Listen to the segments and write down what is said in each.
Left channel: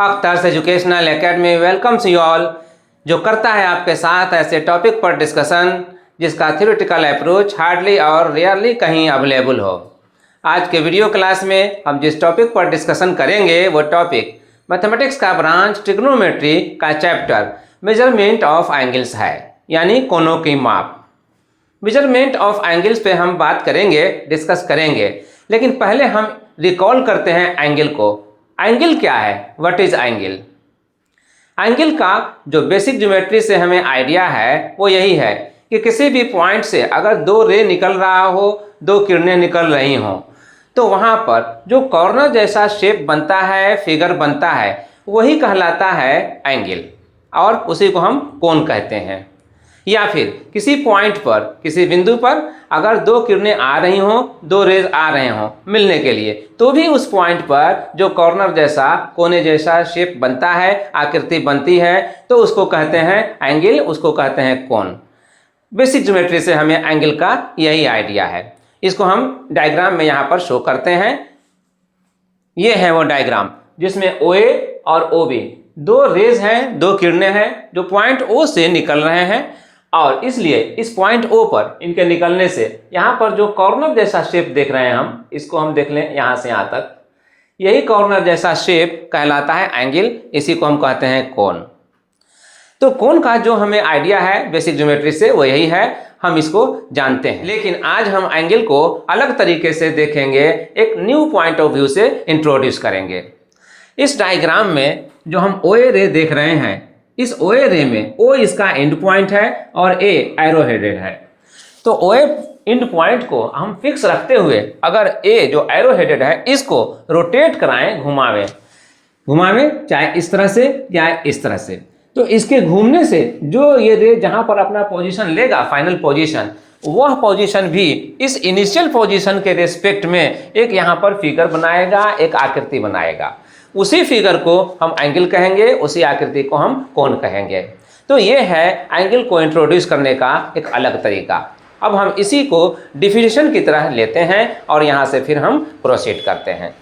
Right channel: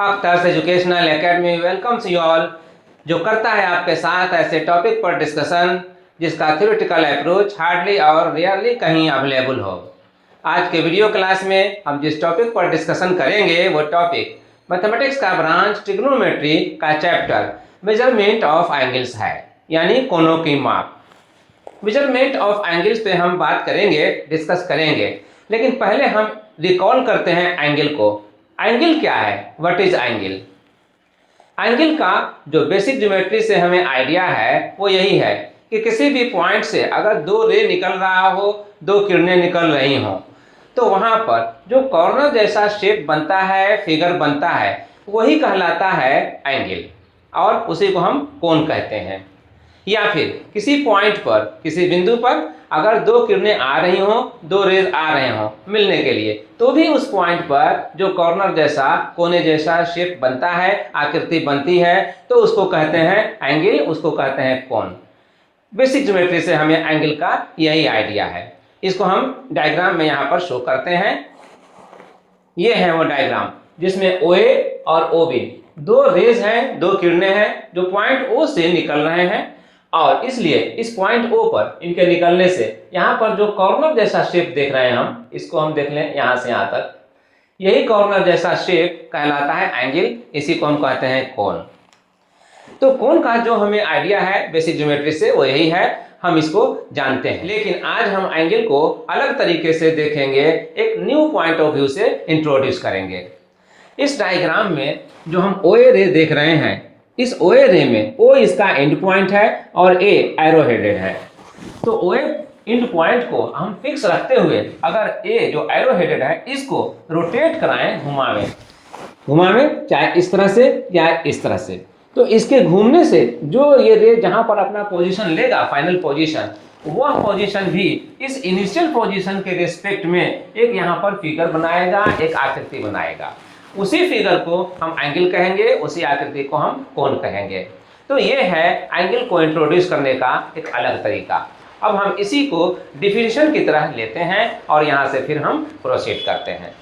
अख्तर्स educational academy welcomes you all, जो करता है आपके साथ ऐसे टॉपिक पर डिस्कशन जिसका थ्योरेटिकल अप्रोच हार्डली और रेयरली कहीं अवेलेबल हो। आज के वीडियो क्लास में हम जिस टॉपिक पर डिस्कशन करेंगे वो टॉपिक मैथमेटिक्स का ब्रांच ट्रिग्नोमेट्री का चैप्टर मेजरमेंट ऑफ एंगल्स है, यानी कोणों की माप। मेजरमेंट ऑफ एंगल्स पे हम बात करेंगे, डिस्कस करेंगे, लेकिन पहले हम रिकॉल करते हैं एंगल को। एंगल क्या है? What is angle? एंगल का जो बेसिक ज्योमेट्री से हमें आइडिया है वो यही है कि किसी भी पॉइंट से अगर दो रे निकल रहा हो, दो किरणें निकल रही हों, तो वहाँ पर जो कॉर्नर जैसा शेप बनता है, फिगर बनता है, वही कहलाता है एंगल, और उसी को हम कोण कहते हैं। या फिर किसी पॉइंट पर, किसी बिंदु पर अगर दो किरणें आ रही हों, दो रेज आ रहे हों मिलने के लिए, तो भी उस पॉइंट पर जो कॉर्नर जैसा, कोने जैसा शेप बनता है, आकृति बनती है, तो उसको कहते हैं एंगल, उसको कहते हैं कोण। बेसिक ज्योमेट्री से हमें एंगल का यही आइडिया है। इसको हम डायग्राम में यहाँ पर शो करते हैं। ये है वो डायग्राम जिसमें OA और OB दो रेज हैं, दो किरणें हैं जो पॉइंट O से निकल रहे हैं, और इसलिए इस पॉइंट O पर इनके निकलने से यहाँ पर जो कॉर्नर जैसा शेप देख रहे हैं हम, इसको हम देख लें यहाँ से यहाँ तक, यही कॉर्नर जैसा शेप कहलाता है एंगल, इसी को हम कहते हैं कोण। तो कोण का जो हमें आइडिया है बेसिक ज्योमेट्री से वो यही है, हम इसको जानते हैं। लेकिन आज हम एंगल को अलग तरीके से देखेंगे, एक न्यू पॉइंट ऑफ व्यू से इंट्रोड्यूस करेंगे। इस डायग्राम में जो हम OA रे देख रहे हैं, इस OA रे में O इसका एंड पॉइंट है और A एरो हेडेड है। तो OA एंड पॉइंट को हम फिक्स रखते हुए अगर A जो एरो हेडेड है इसको रोटेट कराएं, घुमावें चाहे इस तरह से या इस तरह से, तो इसके घूमने से जो ये रे जहां पर अपना पोजीशन लेगा, फाइनल पोजीशन, वह पोजीशन भी इस इनिशियल पोजीशन के रेस्पेक्ट में एक यहाँ पर फिगर बनाएगा, एक आकृति बनाएगा। उसी फिगर को हम एंगल कहेंगे, उसी आकृति को हम कोण कहेंगे। तो ये है एंगल को इंट्रोड्यूस करने का एक अलग तरीका। अब हम इसी को डिफिनेशन की तरह लेते हैं और यहाँ से फिर हम प्रोसीड करते हैं।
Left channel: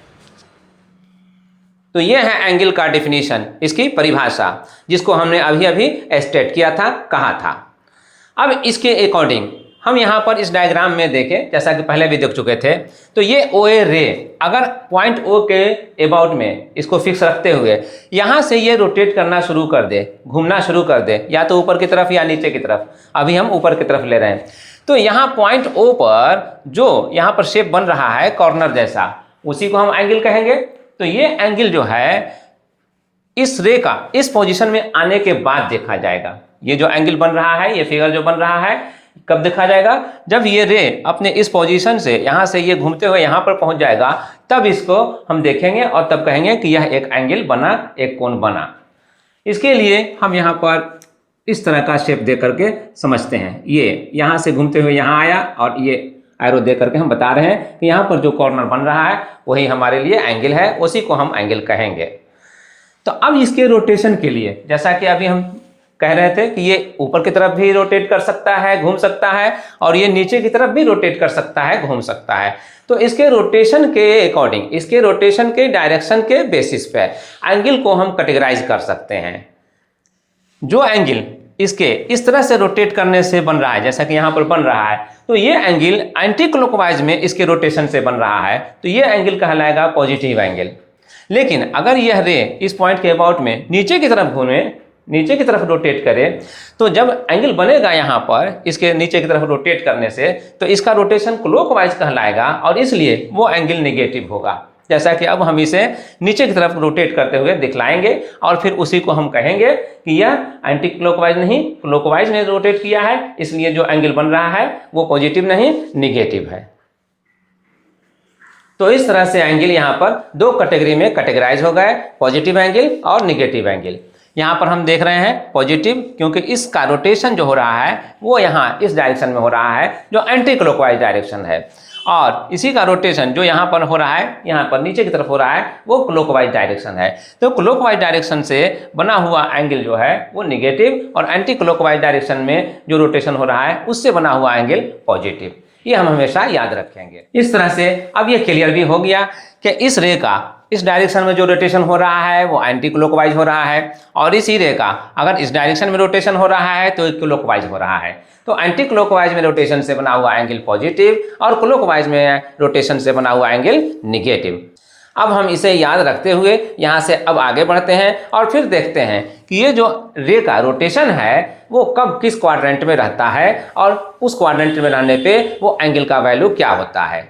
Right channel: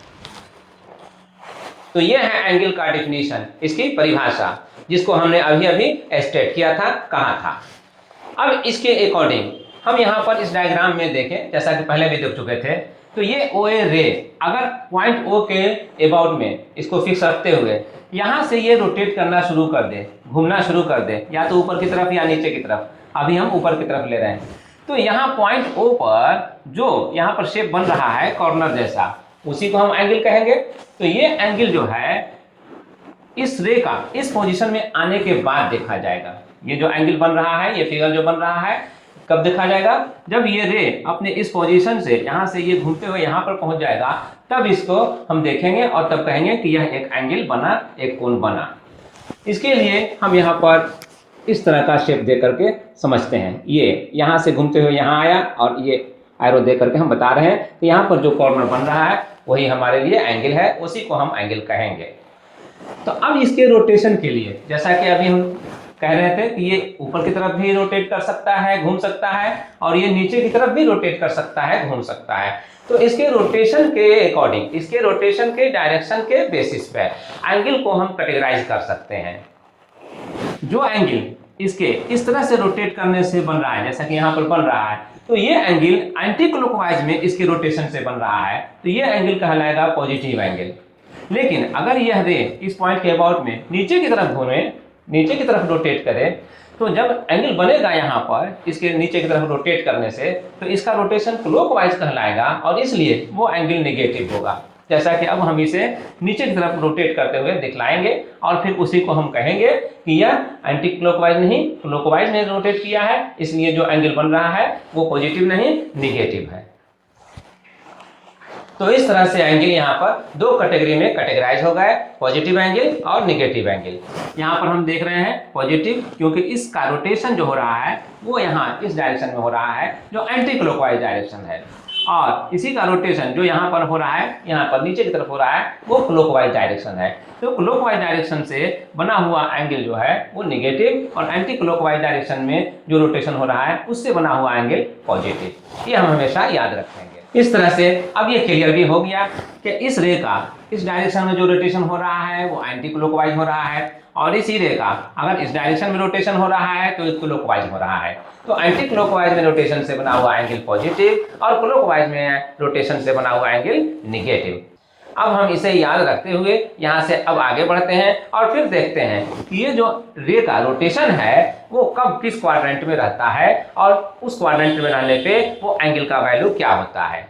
तो ये है एंगल का डिफिनीशन, इसकी परिभाषा, जिसको हमने अभी अभी स्टेट किया था, कहा था। अब इसके अकॉर्डिंग हम यहाँ पर इस डायग्राम में देखें, जैसा कि पहले भी देख चुके थे, तो ये OA रे अगर पॉइंट O के अबाउट में इसको फिक्स रखते हुए यहाँ से ये रोटेट करना शुरू कर दे, घूमना शुरू कर दे, या तो ऊपर की तरफ या नीचे की तरफ, अभी हम ऊपर की तरफ ले रहे हैं, तो यहाँ पॉइंट O पर जो यहाँ पर शेप बन रहा है कॉर्नर जैसा, उसी को हम एंगल कहेंगे। तो ये एंगल जो है इस रे का इस पोजीशन में आने के बाद देखा जाएगा। ये जो एंगल बन रहा है, ये फिगर जो बन रहा है, कब देखा जाएगा? जब ये रे अपने इस पोजीशन से यहाँ से ये घूमते हुए यहाँ पर पहुँच जाएगा, तब इसको हम देखेंगे और तब कहेंगे कि यह एक एंगल बना, एक कोण बना। इसके लिए हम यहाँ पर इस तरह का शेप दे करके समझते हैं। ये यहाँ से घूमते हुए यहाँ आया और ये एरो दे करके हम बता रहे हैं कि यहाँ पर जो कॉर्नर बन रहा है वही हमारे लिए एंगल है, उसी को हम एंगल कहेंगे। तो अब इसके रोटेशन के लिए, जैसा कि अभी हम कह रहे थे कि ये ऊपर की तरफ भी रोटेट कर सकता है, घूम सकता है, और ये नीचे की तरफ भी रोटेट कर सकता है, घूम सकता है। तो इसके रोटेशन के अकॉर्डिंग, इसके रोटेशन के डायरेक्शन के बेसिस पे एंगल को हम कैटेगराइज कर सकते हैं। जो एंगल इसके इस तरह से रोटेट करने से बन रहा है, जैसा कि यहाँ पर बन रहा है, तो ये एंगल एंटी क्लॉकवाइज में इसके रोटेशन से बन रहा है, तो ये एंगल कहलाएगा पॉजिटिव एंगल। लेकिन अगर यह रे इस पॉइंट के अबाउट में नीचे की तरफ घूमे, नीचे की तरफ रोटेट करे, तो जब एंगल बनेगा यहाँ पर इसके नीचे की तरफ रोटेट करने से, तो इसका रोटेशन क्लॉकवाइज कहलाएगा और इसलिए वो एंगल निगेटिव होगा। जैसा कि अब हम इसे नीचे की तरफ रोटेट करते हुए दिखलाएंगे और फिर उसी को हम कहेंगे कि यह एंटी क्लॉकवाइज नहीं, क्लॉकवाइज ने रोटेट किया है, इसलिए जो एंगल बन रहा है वो पॉजिटिव नहीं, निगेटिव है। तो इस तरह से एंगल यहाँ पर दो कैटेगरी में कैटेगराइज हो गए, पॉजिटिव एंगल और निगेटिव एंगल। यहाँ पर हम देख रहे हैं पॉजिटिव, क्योंकि इसका रोटेशन जो हो रहा है वो यहाँ इस डायरेक्शन में हो रहा है जो एंटी क्लॉकवाइज डायरेक्शन है, और इसी का रोटेशन जो यहाँ पर हो रहा है, यहाँ पर नीचे की तरफ हो रहा है, वो क्लॉकवाइज डायरेक्शन है। तो क्लॉकवाइज डायरेक्शन से बना हुआ एंगल जो है वो निगेटिव, और एंटी क्लॉकवाइज डायरेक्शन में जो रोटेशन हो रहा है उससे बना हुआ एंगल पॉजिटिव। ये हम हमेशा याद रखेंगे। इस तरह से अब ये क्लियर भी हो गया कि इस रे का इस डायरेक्शन में जो रोटेशन हो रहा है वो एंटी क्लॉकवाइज हो रहा है, और इसी रे का अगर इस डायरेक्शन में रोटेशन हो रहा है तो क्लॉकवाइज हो रहा है। तो एंटी क्लॉकवाइज में रोटेशन से बना हुआ एंगल पॉजिटिव और क्लॉकवाइज में रोटेशन से बना हुआ एंगल निगेटिव। अब हम इसे याद रखते हुए यहाँ से अब आगे बढ़ते हैं और फिर देखते हैं कि ये जो रे का रोटेशन है वो कब किस क्वाड्रेंट में रहता है और उस क्वाड्रेंट में रहने पे वो एंगल का वैल्यू क्या होता है।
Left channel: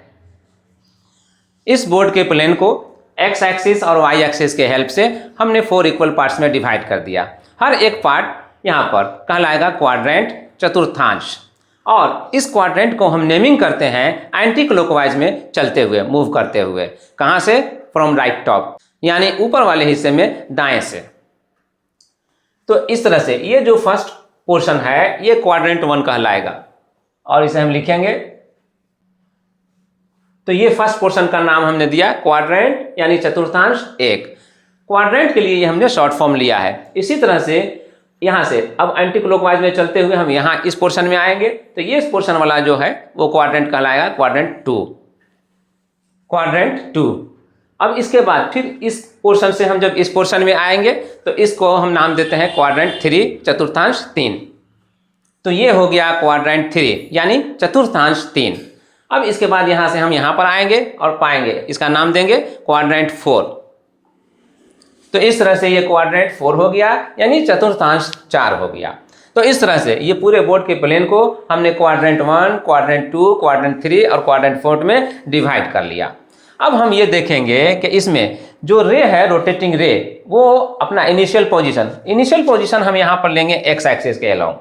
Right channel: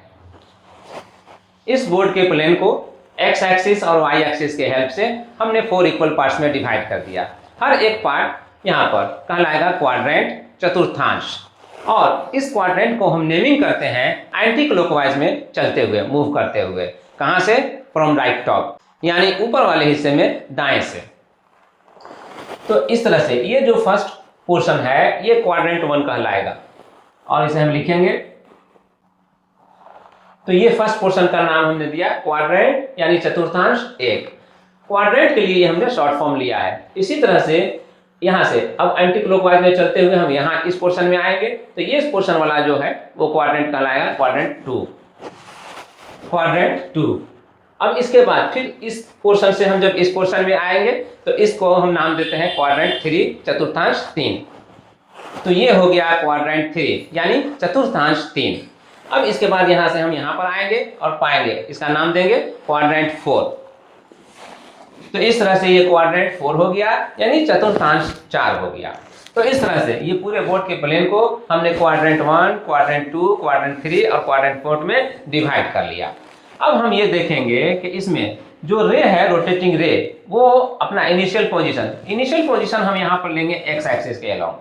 इस बोर्ड के प्लेन को एक्स एक्सिस और वाई एक्सिस के हेल्प से हमने 4 इक्वल पार्ट्स में डिवाइड कर दिया। हर एक पार्ट यहाँ पर कहलाएगा क्वाड्रेंट, चतुर्थांश, और इस क्वाड्रेंट को हम नेमिंग करते हैं एंटी क्लॉकवाइज में चलते हुए, मूव करते हुए। कहाँ से? फ्रॉम राइट टॉप, यानी ऊपर वाले हिस्से में दाएं से। तो इस तरह से ये जो फर्स्ट पोर्शन है ये क्वाड्रेंट 1 कहलाएगा, और इसे हम लिखेंगे। तो ये फर्स्ट पोर्शन का नाम हमने दिया क्वाड्रेंट, यानी चतुर्थांश 1। क्वाड्रेंट के लिए हमने शॉर्ट फॉर्म लिया है। इसी तरह से यहाँ से अब एंटी क्लॉकवाइज में चलते हुए हम यहाँ इस पोर्शन में आएंगे, तो ये इस पोर्शन वाला जो है वो क्वाड्रेंट कहलाएगा क्वाड्रेंट 2, क्वाड्रेंट 2। अब इसके बाद फिर इस पोर्शन से हम जब इस पोर्शन में आएंगे तो इसको हम नाम देते हैं क्वाड्रेंट 3, चतुर्थांश 3। तो ये हो गया क्वाड्रेंट 3 यानी चतुर्थांश 3। अब इसके बाद यहाँ से हम यहाँ पर आएंगे और पाएंगे, इसका नाम देंगे क्वाड्रेंट 4। तो इस तरह से ये क्वाड्रेंट 4 हो गया, यानी चतुर्थांश 4 हो गया। तो इस तरह से ये पूरे बोर्ड के प्लेन को हमने क्वाड्रेंट 1, क्वाड्रेंट 2, क्वाड्रेंट 3 और क्वाड्रेंट 4 में डिवाइड कर लिया। अब हम ये देखेंगे कि इसमें जो रे है, रोटेटिंग रे, वो अपना इनिशियल पोजीशन हम यहाँ पर लेंगे एक्स एक्सिस के अलोंग।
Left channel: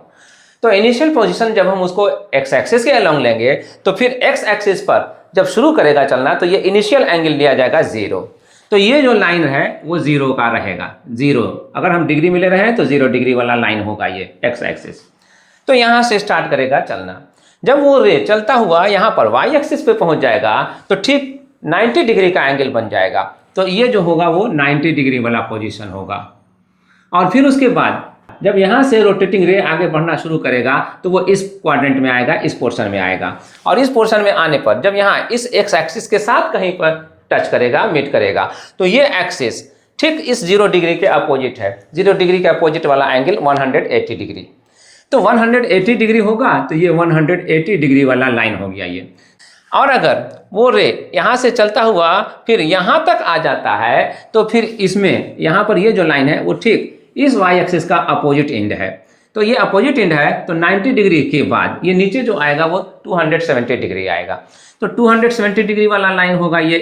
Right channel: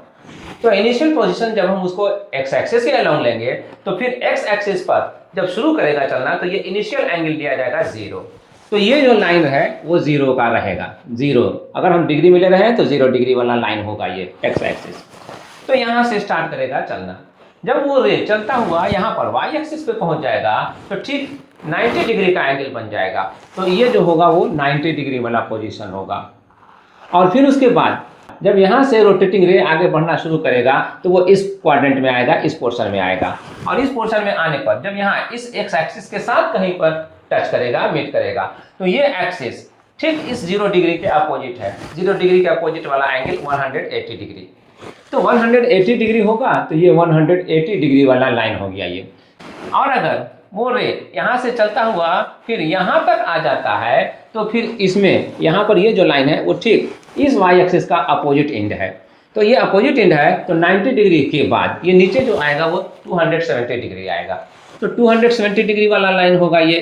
तो इनिशियल पोजीशन जब हम उसको एक्स एक्सिस के अलोंग लेंगे तो फिर एक्स एक्सिस पर जब शुरू करेगा चलना तो ये इनिशियल एंगल लिया जाएगा 0। तो ये जो लाइन है वो 0 का रहेगा, 0। अगर हम डिग्री में ले रहे हैं तो 0 डिग्री वाला लाइन होगा ये एक्स एक्सिस। तो यहाँ से स्टार्ट करेगा चलना। जब वो रे चलता हुआ यहाँ पर वाई एक्सिस पे पहुँच जाएगा तो ठीक 90 डिग्री का एंगल बन जाएगा। तो ये जो होगा वो 90 डिग्री वाला पोजीशन होगा। और फिर उसके बाद जब यहाँ से रोटेटिंग रे आगे बढ़ना शुरू करेगा तो वो इस क्वाड्रेंट में आएगा, इस पोर्शन में आएगा। और इस पोर्शन में आने पर जब यहाँ इस एक्स एक्सिस के साथ कहीं पर टच करेगा, मीट करेगा, तो ये एक्सिस ठीक इस 0 डिग्री के अपोजिट है। 0 डिग्री के अपोजिट वाला एंगल 180 डिग्री। तो 180 डिग्री होगा तो ये 180 डिग्री वाला लाइन हो गया ये। और अगर वो रे यहाँ से चलता हुआ फिर यहाँ तक आ जाता है तो फिर इसमें यहाँ पर ये जो लाइन है वो ठीक इस वाई एक्सिस का अपोजिट एंड है। तो ये अपोजिट एंड है तो 90 डिग्री के बाद ये नीचे जो आएगा वो 270 डिग्री आएगा। तो 270 डिग्री वाला लाइन होगा ये,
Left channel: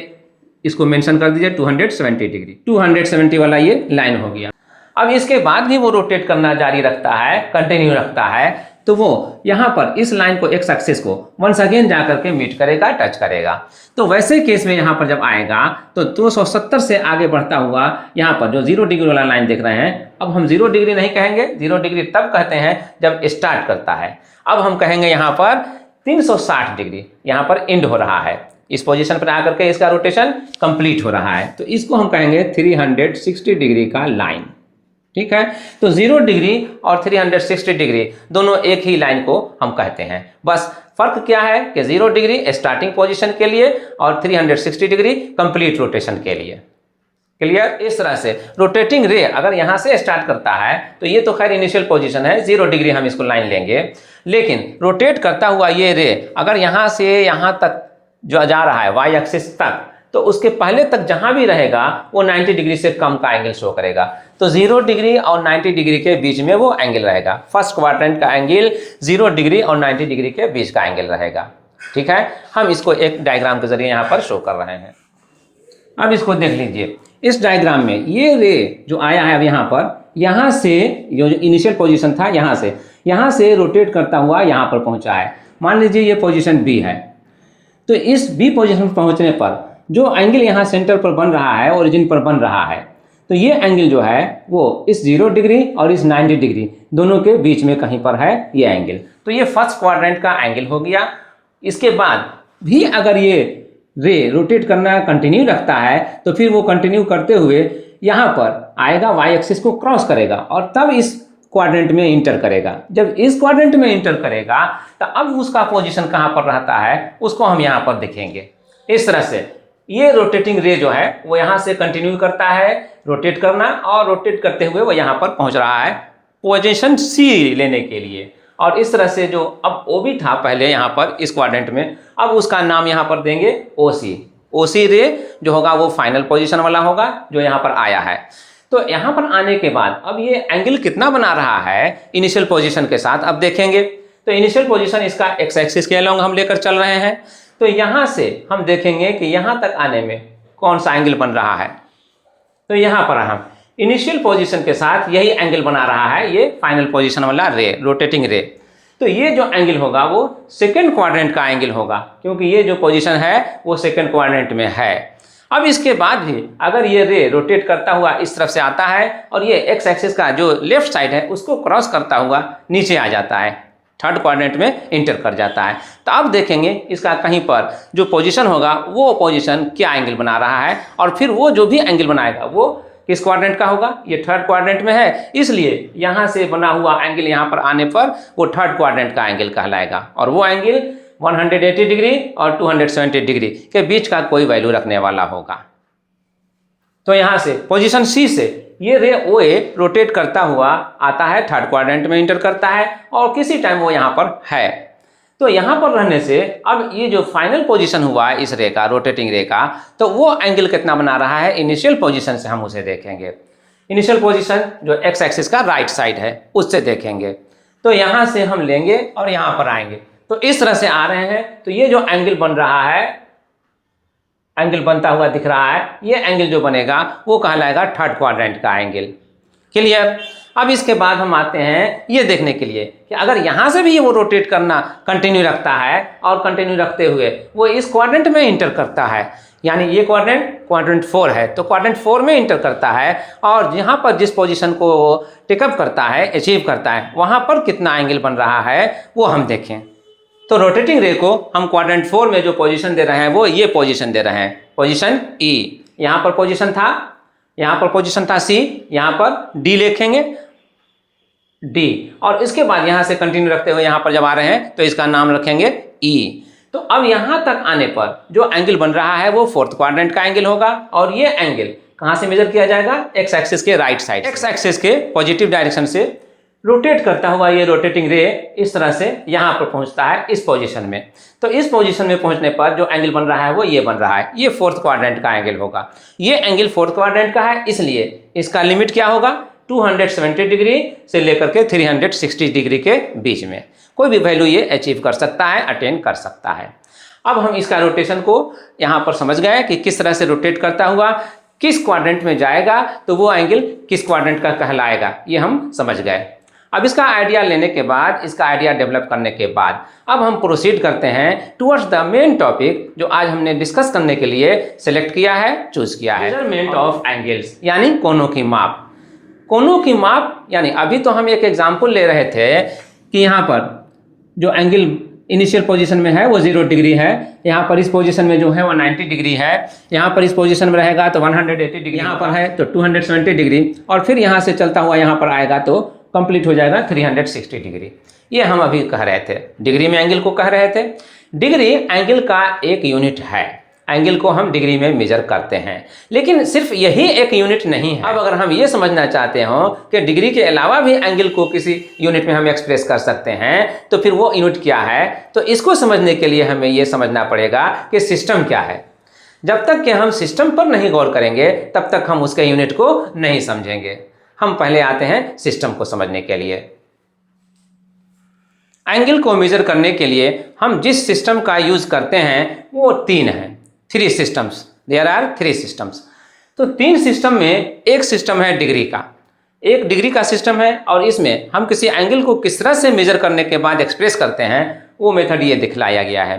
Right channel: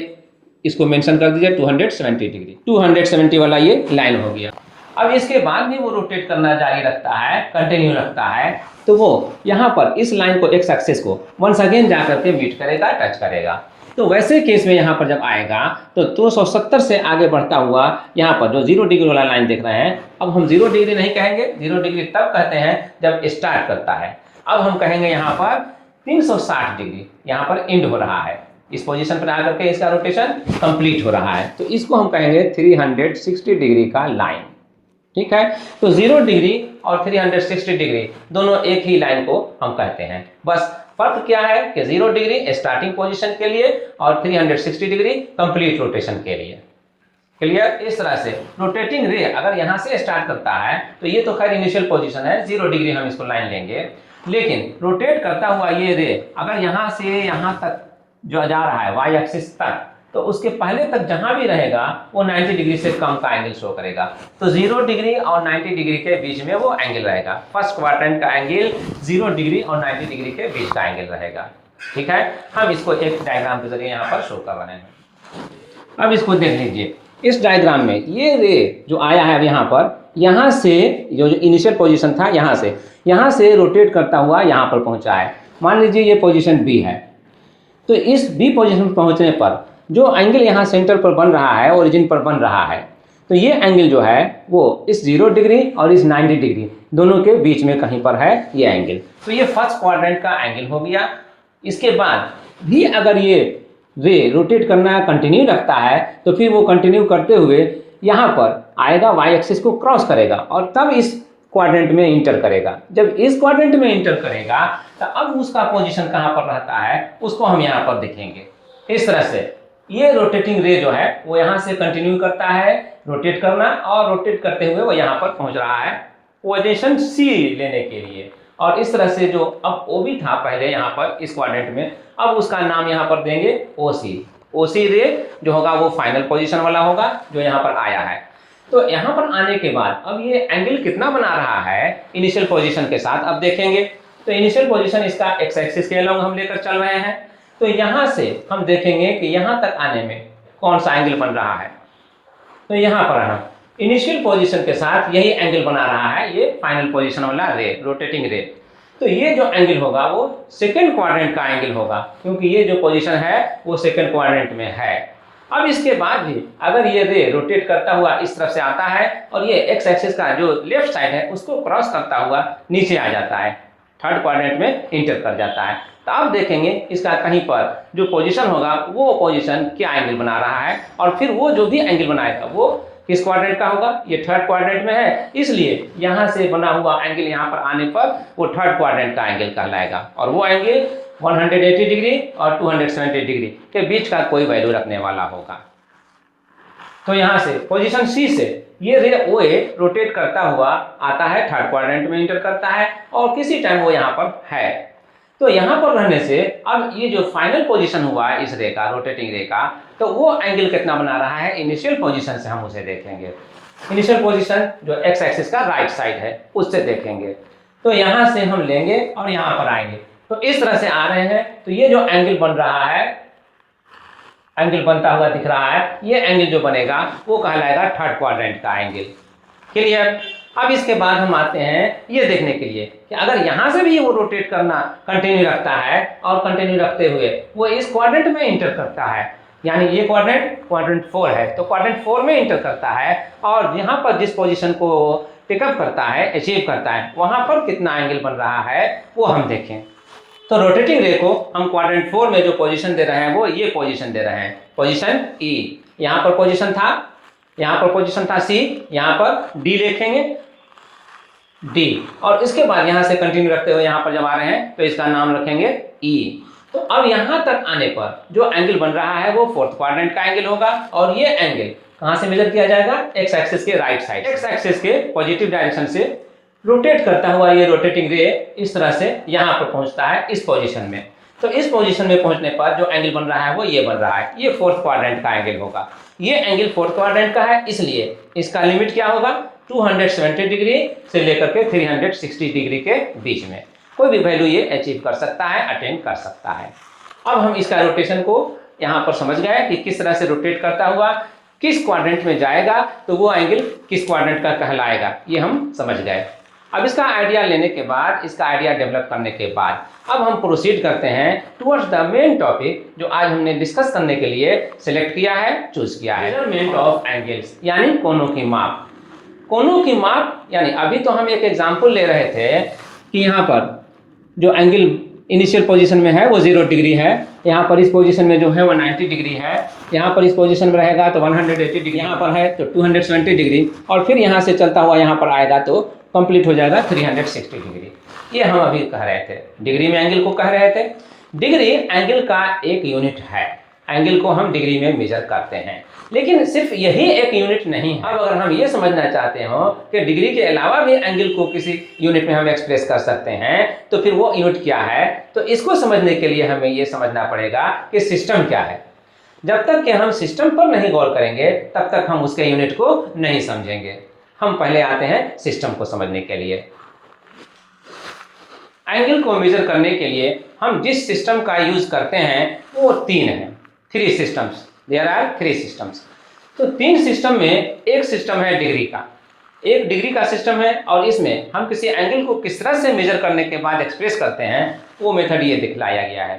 इसको मेंशन कर दीजिए 270 डिग्री, 270 वाला ये लाइन हो गया। अब इसके बाद भी वो रोटेट करना जारी रखता है, कंटिन्यू रखता है, तो वो यहाँ पर इस लाइन को, एक्स एक्सिस को वंस अगेन जा करके मीट करेगा, टच करेगा। तो वैसे केस में यहाँ पर जब आएगा तो 270 से आगे बढ़ता हुआ यहाँ पर जो 0 डिग्री वाला लाइन देख रहे हैं, अब हम 0 डिग्री नहीं कहेंगे, 0 डिग्री तब कहते हैं जब स्टार्ट करता है। अब हम कहेंगे यहाँ पर 360 डिग्री, यहाँ पर एंड हो रहा है। इस पोजीशन पर आकर के इसका रोटेशन कंप्लीट हो रहा है, तो इसको हम कहेंगे 360 डिग्री का लाइन। ठीक है, तो 0 डिग्री और 360 डिग्री दोनों एक ही लाइन को हम कहते हैं। बस फर्क क्या है कि 0 डिग्री स्टार्टिंग पोजीशन के लिए और 360 डिग्री कंप्लीट रोटेशन के लिए। क्लियर? इस तरह से रोटेटिंग रे अगर यहाँ से स्टार्ट करता है तो ये तो खैर इनिशियल पोजीशन है, 0 डिग्री हम इसको लाइन लेंगे। लेकिन रोटेट करता हुआ ये रे अगर यहाँ से यहाँ तक जो जा रहा है वाई एक्सिस तक, तो उसके पहले तक जहां भी रहेगा वो 90 डिग्री से कम का एंगल शो करेगा। तो 0 डिग्री और 90 डिग्री के बीच में वो एंगल रहेगा। फर्स्ट क्वाड्रेंट का एंगल 0 डिग्री और 90 डिग्री के बीच का एंगल रहेगा। ठीक है, हम इसको एक डायग्राम के जरिए यहाँ पर शो कर रहे हैं। अब इसको देख लीजिए, इस डायग्राम में ये रे जो आया है अब यहाँ पर, यहाँ से जो इनिशियल पोजिशन था यहाँ से रोटेट करता हुआ यहाँ पर पहुँचा है। मान लीजिए ये पोजिशन बी है, तो इस बी पोजिशन पर पहुँचने पर जो एंगल यहाँ सेंटर पर बन रहा है, ओरिजिन पर बन रहा है, तो ये एंगल जो है वो इस 0 डिग्री और इस 90 डिग्री दोनों के बीच में कहीं पर है ये एंगल। तो ये फर्स्ट क्वाड्रेंट का एंगल हो गया। इसके बाद भी अगर ये रे रोटेट करना कंटिन्यू रखता है तो फिर वो कंटिन्यू करते हुए यहाँ पर आएगा, वाई एक्सिस को क्रॉस करेगा और तब इस क्वाड्रेंट में इंटर करेगा। जब इस क्वाड्रेंट में इंटर करेगा तो अब उसका पोजीशन कहाँ पर रहता है उसको हम यहाँ पर देखेंगे। इस तरह से ये रोटेटिंग रे जो है वो यहाँ से कंटिन्यू करता है रोटेट करना, और रोटेट करते हुए वो यहाँ पर पहुँच रहा है पोजीशन सी लेने के लिए। और इस तरह से जो अब ओ भी था पहले यहाँ पर इस क्वाड्रेंट में, अब उसका नाम यहाँ पर देंगे ओ सी। ओ सी रे जो होगा वो फाइनल पोजीशन वाला होगा जो यहाँ पर आया है। तो यहाँ पर आने के बाद अब ये एंगल कितना बना रहा है इनिशियल पोजीशन के साथ, अब देखेंगे। तो इनिशियल पोजीशन इसका एक्स एक्सिस के अलोंग हम लेकर चल रहे हैं। तो यहाँ से हम देखेंगे कि यहाँ तक आने में कौन सा एंगल बन रहा है। तो यहाँ पर हम इनिशियल पोजीशन के साथ यही एंगल बना रहा है, ये फाइनल पोजीशन वाला रे, रोटेटिंग रे। तो ये जो एंगल होगा वो सेकेंड क्वाड्रेंट का एंगल होगा, क्योंकि ये जो पोजीशन है वो सेकेंड क्वाड्रेंट में है। अब इसके बाद भी अगर ये रे रोटेट करता हुआ इस तरफ से आता है और ये एक्स एक्सिस का जो लेफ्ट साइड है उसको क्रॉस करता हुआ नीचे आ जाता है, थर्ड क्वाड्रेंट में इंटर कर जाता है, तो अब देखेंगे इसका कहीं पर जो पोजीशन होगा वो पोजीशन क्या एंगल बना रहा है, और फिर वो जो भी एंगल बनाएगा वो किस क्वाड्रेंट का होगा, ये थर्ड क्वाड्रेंट में है, इसलिए यहाँ से बना हुआ एंगल यहाँ पर आने पर वो थर्ड क्वाड्रेंट का एंगल कहलाएगा। और वो एंगल 180 डिग्री और 270 डिग्री के बीच का कोई वैल्यू रखने वाला होगा। तो यहाँ से पोजीशन सी से ये रे ओ ए रोटेट करता हुआ आता है, थर्ड क्वाड्रेंट में इंटर करता है और किसी टाइम वो यहाँ पर है। तो यहाँ पर रहने से अब ये जो फाइनल पोजीशन हुआ है इस रे का, रोटेटिंग रे का, तो वो एंगल कितना बना रहा है इनिशियल पोजीशन से हम उसे देखेंगे। इनिशियल पोजीशन जो एक्स एक्सिस का राइट साइड है उससे देखेंगे। तो यहाँ से हम लेंगे और यहाँ पर आएंगे, तो इस तरह से आ रहे हैं। तो ये जो एंगल बन रहा है, एंगल बनता हुआ दिख रहा है, ये एंगल जो बनेगा वो कहलाएगा थर्ड क्वाड्रेंट का एंगल। क्लियर। अब इसके बाद हम आते हैं ये देखने के लिए कि अगर यहाँ से भी वो रोटेट करना कंटिन्यू रखता है और कंटिन्यू रखते हुए वो इस क्वाड्रेंट में इंटर करता है, यानी ये क्वाड्रेंट 4 है, तो क्वाड्रेंट 4 में इंटर करता है और यहाँ पर जिस पोजीशन को टेकअप करता है, अचीव करता है, वहाँ पर कितना एंगल बन रहा है वो हम देखें। तो रोटेटिंग रे को हम क्वाड्रेंट 4 में जो पोजीशन दे रहे हैं वो ये पोजीशन दे रहे हैं, पोजीशन ई। यहाँ पर पोजीशन था, यहाँ पर पोजीशन था सी, यहाँ पर डी लिखेंगे, डी, और इसके बाद यहाँ से कंटिन्यू रखते हुए यहाँ पर जब आ रहे हैं तो इसका नाम रखेंगे ई। तो अब यहाँ तक आने पर जो एंगल बन रहा है वो फोर्थ क्वाड्रेंट का एंगल होगा, और ये एंगल कहाँ से मेजर किया जाएगा, एक्स एक्सिस के राइट साइड, एक्स एक्सिस के पॉजिटिव डायरेक्शन से रोटेट करता हुआ ये रोटेटिंग रे इस तरह से यहाँ पर पहुँचता है इस पोजीशन में। तो इस पोजीशन में पहुँचने पर जो एंगल बन रहा है वो ये बन रहा है, ये फोर्थ क्वाड्रेंट का एंगल होगा। ये एंगल फोर्थ क्वाड्रेंट का है, इसलिए इसका लिमिट क्या होगा, 270 डिग्री से लेकर के 360 डिग्री के बीच में कोई भी वैल्यू ये अचीव कर सकता है, अटेन कर सकता है। अब हम इसका रोटेशन को यहाँ पर समझ गए कि किस तरह से रोटेट करता हुआ किस क्वाड्रेंट में जाएगा, तो वो एंगल किस क्वाड्रेंट का कहलाएगा, ये हम समझ गए। अब इसका आइडिया लेने के बाद, इसका आइडिया डेवलप करने के बाद अब हम प्रोसीड करते हैं टुवर्ड्स द मेन टॉपिक जो आज हमने डिस्कस करने के लिए सिलेक्ट किया है, चूज किया है, मेजरमेंट ऑफ एंगल्स, यानी कोनों की माप। कोनों की माप यानी अभी तो हम एक एग्जाम्पल ले रहे थे कि यहाँ पर जो एंगल इनिशियल पोजीशन में है वो 0 डिग्री है, यहाँ पर इस पोजीशन में जो है वो 90 डिग्री है, यहाँ पर इस पोजीशन में रहेगा तो 180 डिग्री, यहाँ पर है तो 270 डिग्री, और फिर यहाँ से चलता हुआ यहाँ पर आएगा तो कंप्लीट हो जाएगा 360 डिग्री। ये हम अभी कह रहे थे, डिग्री में एंगल को कह रहे थे। डिग्री एंगल का एक यूनिट है, एंगल को हम डिग्री में मेजर करते हैं, लेकिन सिर्फ यही एक यूनिट नहीं है। अब अगर हम ये समझना चाहते हो कि डिग्री के अलावा भी एंगल को किसी यूनिट में हम एक्सप्रेस कर सकते हैं, तो फिर वो यूनिट क्या है, तो इसको समझने के लिए हमें ये समझना पड़ेगा कि सिस्टम क्या है। जब तक कि हम सिस्टम पर नहीं गौर करेंगे तब तक हम उसके यूनिट को नहीं समझेंगे। हम पहले आते हैं सिस्टम को समझने के लिए। एंगल को मेजर करने के लिए हम जिस सिस्टम का यूज करते हैं वो 3 हैं, 3 सिस्टम्स, देयर आर 3 सिस्टम्स। तो 3 सिस्टम में एक सिस्टम है डिग्री का, एक डिग्री का सिस्टम है, और इसमें हम किसी एंगल को किस तरह से मेजर करने के बाद एक्सप्रेस करते हैं वो मेथड ये दिखलाया गया है।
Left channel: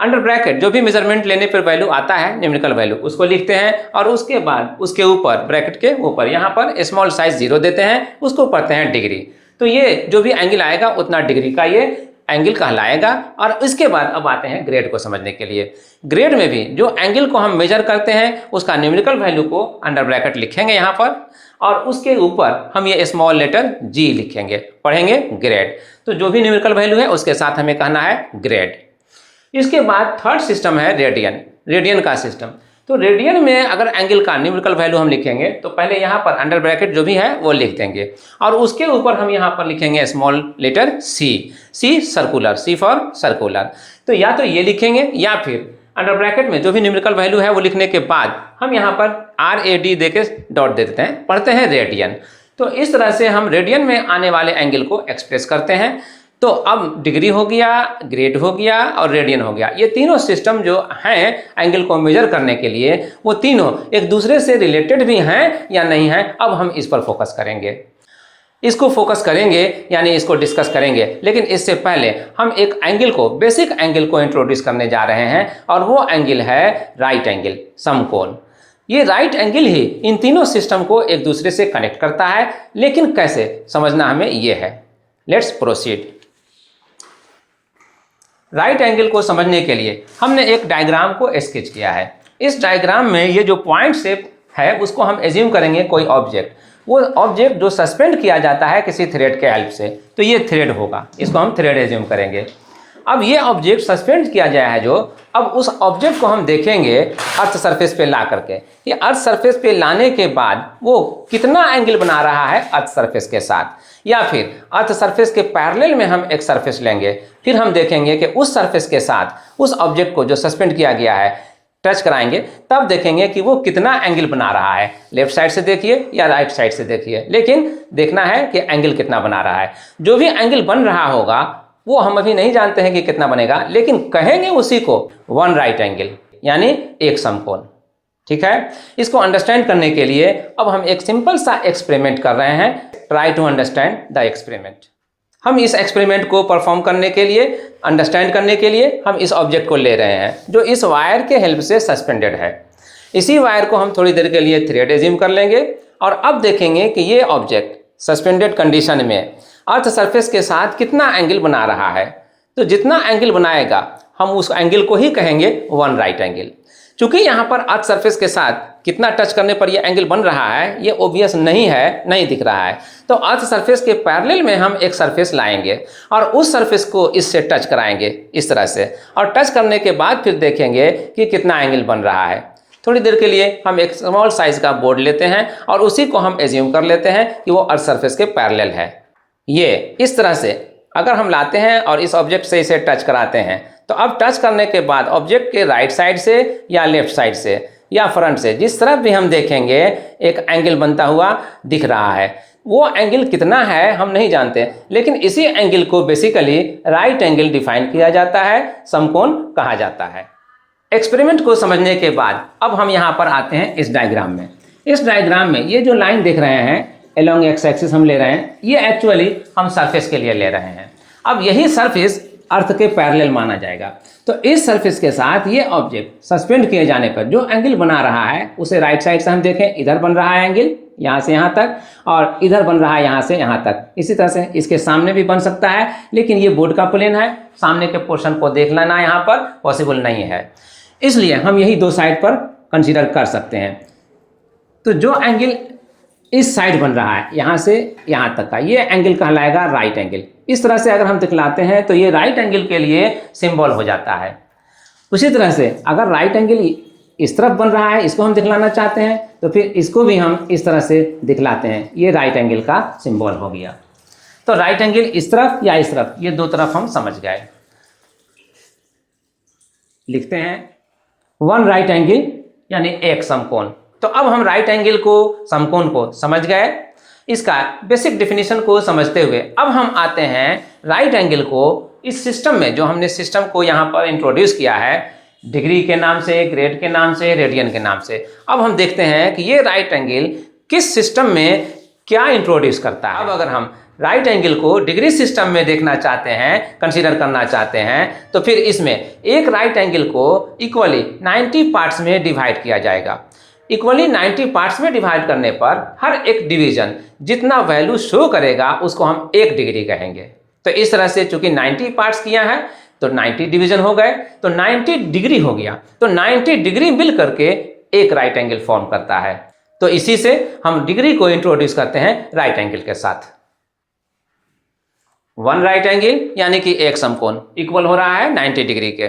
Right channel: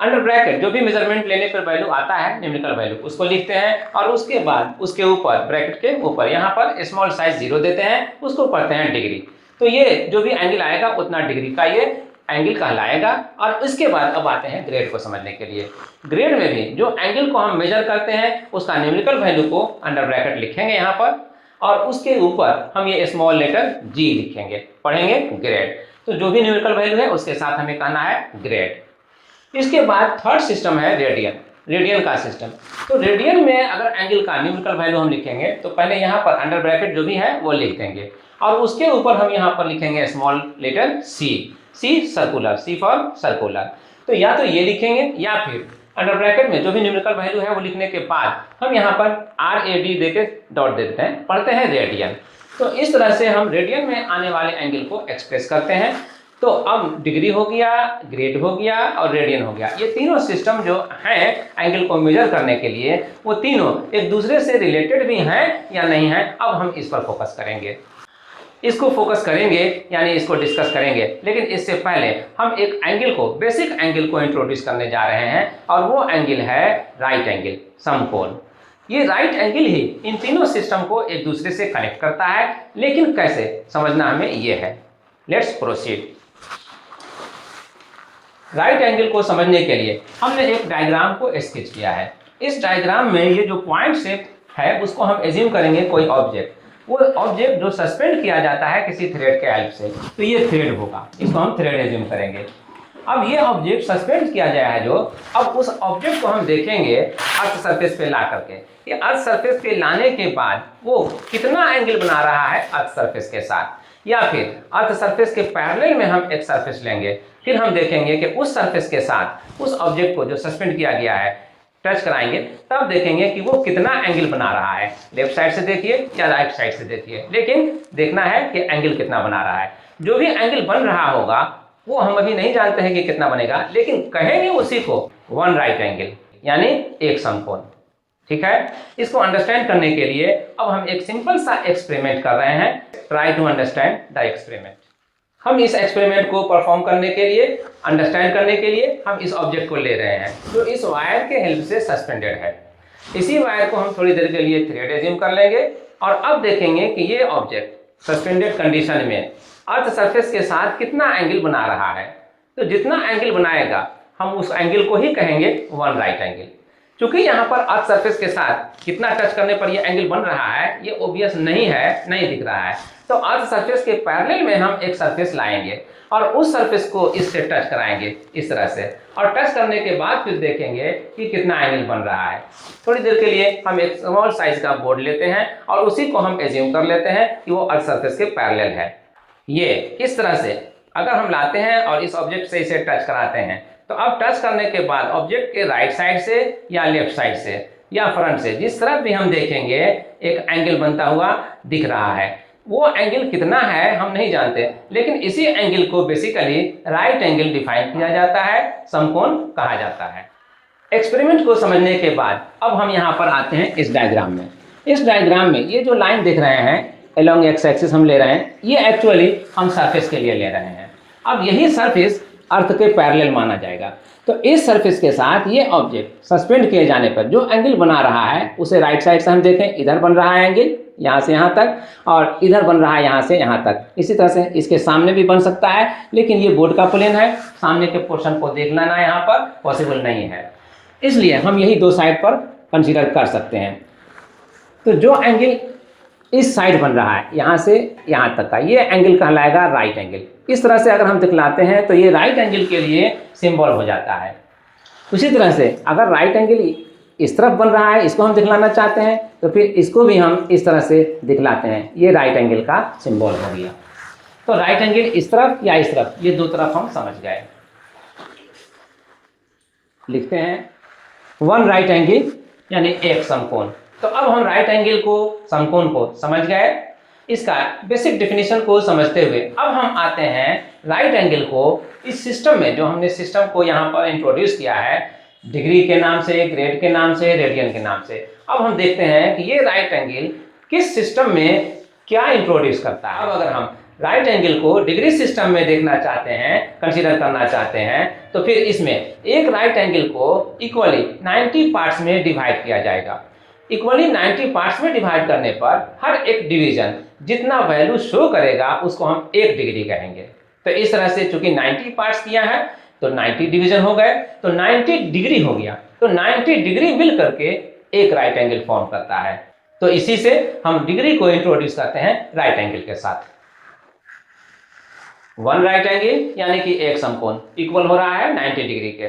अंडर ब्रैकेट जो भी मेजरमेंट लेने पर वैल्यू आता है, न्यूमेरिकल वैल्यू, उसको लिखते हैं, और उसके बाद उसके ऊपर ब्रैकेट के ऊपर यहाँ पर स्मॉल साइज 0 देते हैं, उसको पढ़ते हैं डिग्री। तो ये जो भी एंगल आएगा उतना डिग्री का ये एंगल कहलाएगा। और इसके बाद अब आते हैं ग्रेड को समझने के लिए। ग्रेड में भी जो एंगल को हम मेजर करते हैं उसका न्यूमेरिकल वैल्यू को अंडर ब्रैकेट लिखेंगे यहाँ पर, और उसके ऊपर हम ये स्मॉल लेटर जी लिखेंगे, पढ़ेंगे ग्रेड। तो जो भी न्यूमेरिकल वैल्यू है उसके साथ हमें कहना है ग्रेड। इसके बाद थर्ड सिस्टम है रेडियन। रेडियन का सिस्टम। तो रेडियन में अगर एंगल का न्यूमेरिकल वैल्यू हम लिखेंगे तो पहले यहाँ पर अंडर ब्रैकेट जो भी है वो लिख देंगे और उसके ऊपर हम यहाँ पर लिखेंगे small letter C, C circular, C for circular. तो या तो ये लिखेंगे या फिर अंडर ब्रैकेट में जो भी न्यूमेरिकल वैल्यू है वो लिखने के बाद हम यहाँ पर RAD दे के डॉट दे देते हैं, पढ़ते हैं रेडियन। तो इस तरह से हम रेडियन में आने वाले एंगल को एक्सप्रेस करते हैं। तो अब डिग्री हो गया, ग्रेड हो गया और रेडियन हो गया, ये तीनों सिस्टम जो हैं एंगल को मेजर करने के लिए वो तीनों एक दूसरे से रिलेटेड भी हैं या नहीं हैं, अब हम इस पर फोकस करेंगे, इसको फोकस करेंगे यानी इसको डिस्कस करेंगे। लेकिन इससे पहले हम एक एंगल को, बेसिक एंगल को इंट्रोड्यूस करने जा रहे हैं और वो एंगल है राइट एंगल, समकोण। ये राइट एंगल ही इन तीनों सिस्टम को एक दूसरे से कनेक्ट करता है, लेकिन कैसे समझना हमें ये है। Let's proceed. राइट एंगल को समझने के लिए हमने एक डायग्राम को स्केच किया है। इस डायग्राम में ये जो पॉइंट शेप है उसको हम एज्यूम करेंगे कोई ऑब्जेक्ट, वो ऑब्जेक्ट जो सस्पेंड किया जाता है किसी थ्रेड के हेल्प से, तो ये थ्रेड होगा, इसको हम थ्रेड एज्यूम करेंगे। अब ये ऑब्जेक्ट सस्पेंड किया गया है जो, अब उस ऑब्जेक्ट को हम देखेंगे अर्थ सरफेस पे ला करके। ये अर्थ सरफेस पे लाने के बाद वो कितना एंगल बना रहा है अर्थ सरफेस के साथ, या फिर अर्थ सरफेस के पैरेलल में हम एक सरफेस लेंगे, फिर हम देखेंगे कि उस सरफेस के साथ उस ऑब्जेक्ट को जो सस्पेंड किया गया है टच कराएंगे, तब देखेंगे कि वो कितना एंगल बना रहा है। लेफ्ट साइड से देखिए या राइट साइड से देखिए, लेकिन देखना है कि एंगल कितना बना रहा है। जो भी एंगल बन रहा होगा वो हम अभी नहीं जानते हैं कि कितना बनेगा, लेकिन कहेंगे उसी को वन राइट एंगल यानी एक समकोण। ठीक है, इसको अंडरस्टैंड करने के लिए अब हम एक सिंपल सा एक्सपेरिमेंट कर रहे हैं। Try to understand the experiment. हम इस एक्सपेरिमेंट को परफॉर्म करने के लिए, अंडरस्टैंड करने के लिए हम इस ऑब्जेक्ट को ले रहे हैं जो इस वायर के हेल्प से सस्पेंडेड है। इसी वायर को हम थोड़ी देर के लिए थ्रेड एज्यूम कर लेंगे और अब देखेंगे कि ये ऑब्जेक्ट सस्पेंडेड कंडीशन में अर्थ सरफेस के साथ कितना एंगल बना रहा है। तो जितना एंगल बनाएगा हम उस एंगल को ही कहेंगे वन राइट एंगल। चूंकि यहाँ पर अर्थ सरफेस के साथ कितना टच करने पर ये एंगल बन रहा है ये ओबियस नहीं है, नहीं दिख रहा है, तो अर्थ सरफेस के पैरेलल में हम एक सरफेस लाएंगे और उस सरफेस को इससे टच कराएंगे इस तरह से, और टच करने के बाद फिर देखेंगे कि कितना एंगल बन रहा है। थोड़ी देर के लिए हम एक स्मॉल साइज का बोर्ड लेते हैं और उसी को हम एज्यूम कर लेते हैं कि वो अर्थ सरफेस के पैरेलल है। ये इस तरह से अगर हम लाते हैं और इस ऑब्जेक्ट से इसे टच कराते हैं, तो अब टच करने के बाद ऑब्जेक्ट के राइट साइड से या लेफ्ट साइड से या फ्रंट से जिस तरफ भी हम देखेंगे एक एंगल बनता हुआ दिख रहा है। वो एंगल कितना है हम नहीं जानते, लेकिन इसी एंगल को बेसिकली राइट एंगल डिफाइन किया जाता है, समकोण कहा जाता है। एक्सपेरिमेंट को समझने के बाद अब हम यहाँ पर आते हैं इस डायग्राम में। इस डायग्राम में ये जो लाइन देख रहे हैं एलोंग एक्स एक्सिस हम ले रहे हैं, ये एक्चुअली हम सरफेस के लिए ले रहे हैं। अब यही सरफेस अर्थ के पैरेलल माना जाएगा। तो इस सरफेस के साथ ये ऑब्जेक्ट सस्पेंड किए जाने पर जो एंगल बना रहा है उसे राइट साइड से हम देखें, इधर बन रहा है एंगल यहाँ से यहाँ तक, और इधर बन रहा है यहाँ से यहाँ तक। इसी तरह से इसके सामने भी बन सकता है, लेकिन ये बोर्ड का प्लेन है, सामने के पोर्शन को देख लेना यहाँ पर पॉसिबल नहीं है, इसलिए हम यही दो साइड पर कंसीडर कर सकते हैं। तो जो एंगल इस साइड बन रहा है यहाँ से यहाँ तक का, ये एंगल कहलाएगा राइट एंगल। इस तरह से अगर हम दिखलाते हैं तो ये राइट एंगल के लिए सिंबल हो जाता है। उसी तरह से अगर राइट एंगल इस तरफ बन रहा है, इसको हम दिखलाना चाहते हैं, तो फिर इसको भी हम इस तरह से दिखलाते हैं, ये राइट एंगल का सिंबल हो गया। तो राइट एंगल इस तरफ या इस तरफ, ये दो तरफ हम समझ गए। लिखते हैं वन राइट एंगल यानी एक समकोण। तो अब हम राइट एंगल को, समकोण को समझ गए। इसका बेसिक डेफिनेशन को समझते हुए अब हम आते हैं राइट एंगल को इस सिस्टम में, जो हमने सिस्टम को यहाँ पर इंट्रोड्यूस किया है डिग्री के नाम से, ग्रेड के नाम से, रेडियन के नाम से। अब हम देखते हैं कि ये राइट एंगल किस सिस्टम में क्या इंट्रोड्यूस करता है। अब अगर हम राइट एंगल को डिग्री सिस्टम में देखना चाहते हैं, कंसीडर करना चाहते हैं, तो फिर इसमें एक राइट एंगल को इक्वली 90 पार्ट्स में डिवाइड किया जाएगा। इक्वली 90 पार्ट्स में डिवाइड करने पर हर एक डिवीजन जितना वैल्यू शो करेगा उसको हम 1 डिग्री कहेंगे। तो इस तरह से चूंकि 90 पार्ट्स किया है तो 90 डिवीजन हो गए, तो 90 डिग्री हो गया। तो 90 डिग्री मिल करके एक राइट एंगल फॉर्म करता है। तो इसी से हम डिग्री को इंट्रोड्यूस करते हैं राइट एंगल के साथ। वन राइट एंगल यानी कि एक समकोण इक्वल हो रहा है 90 डिग्री के।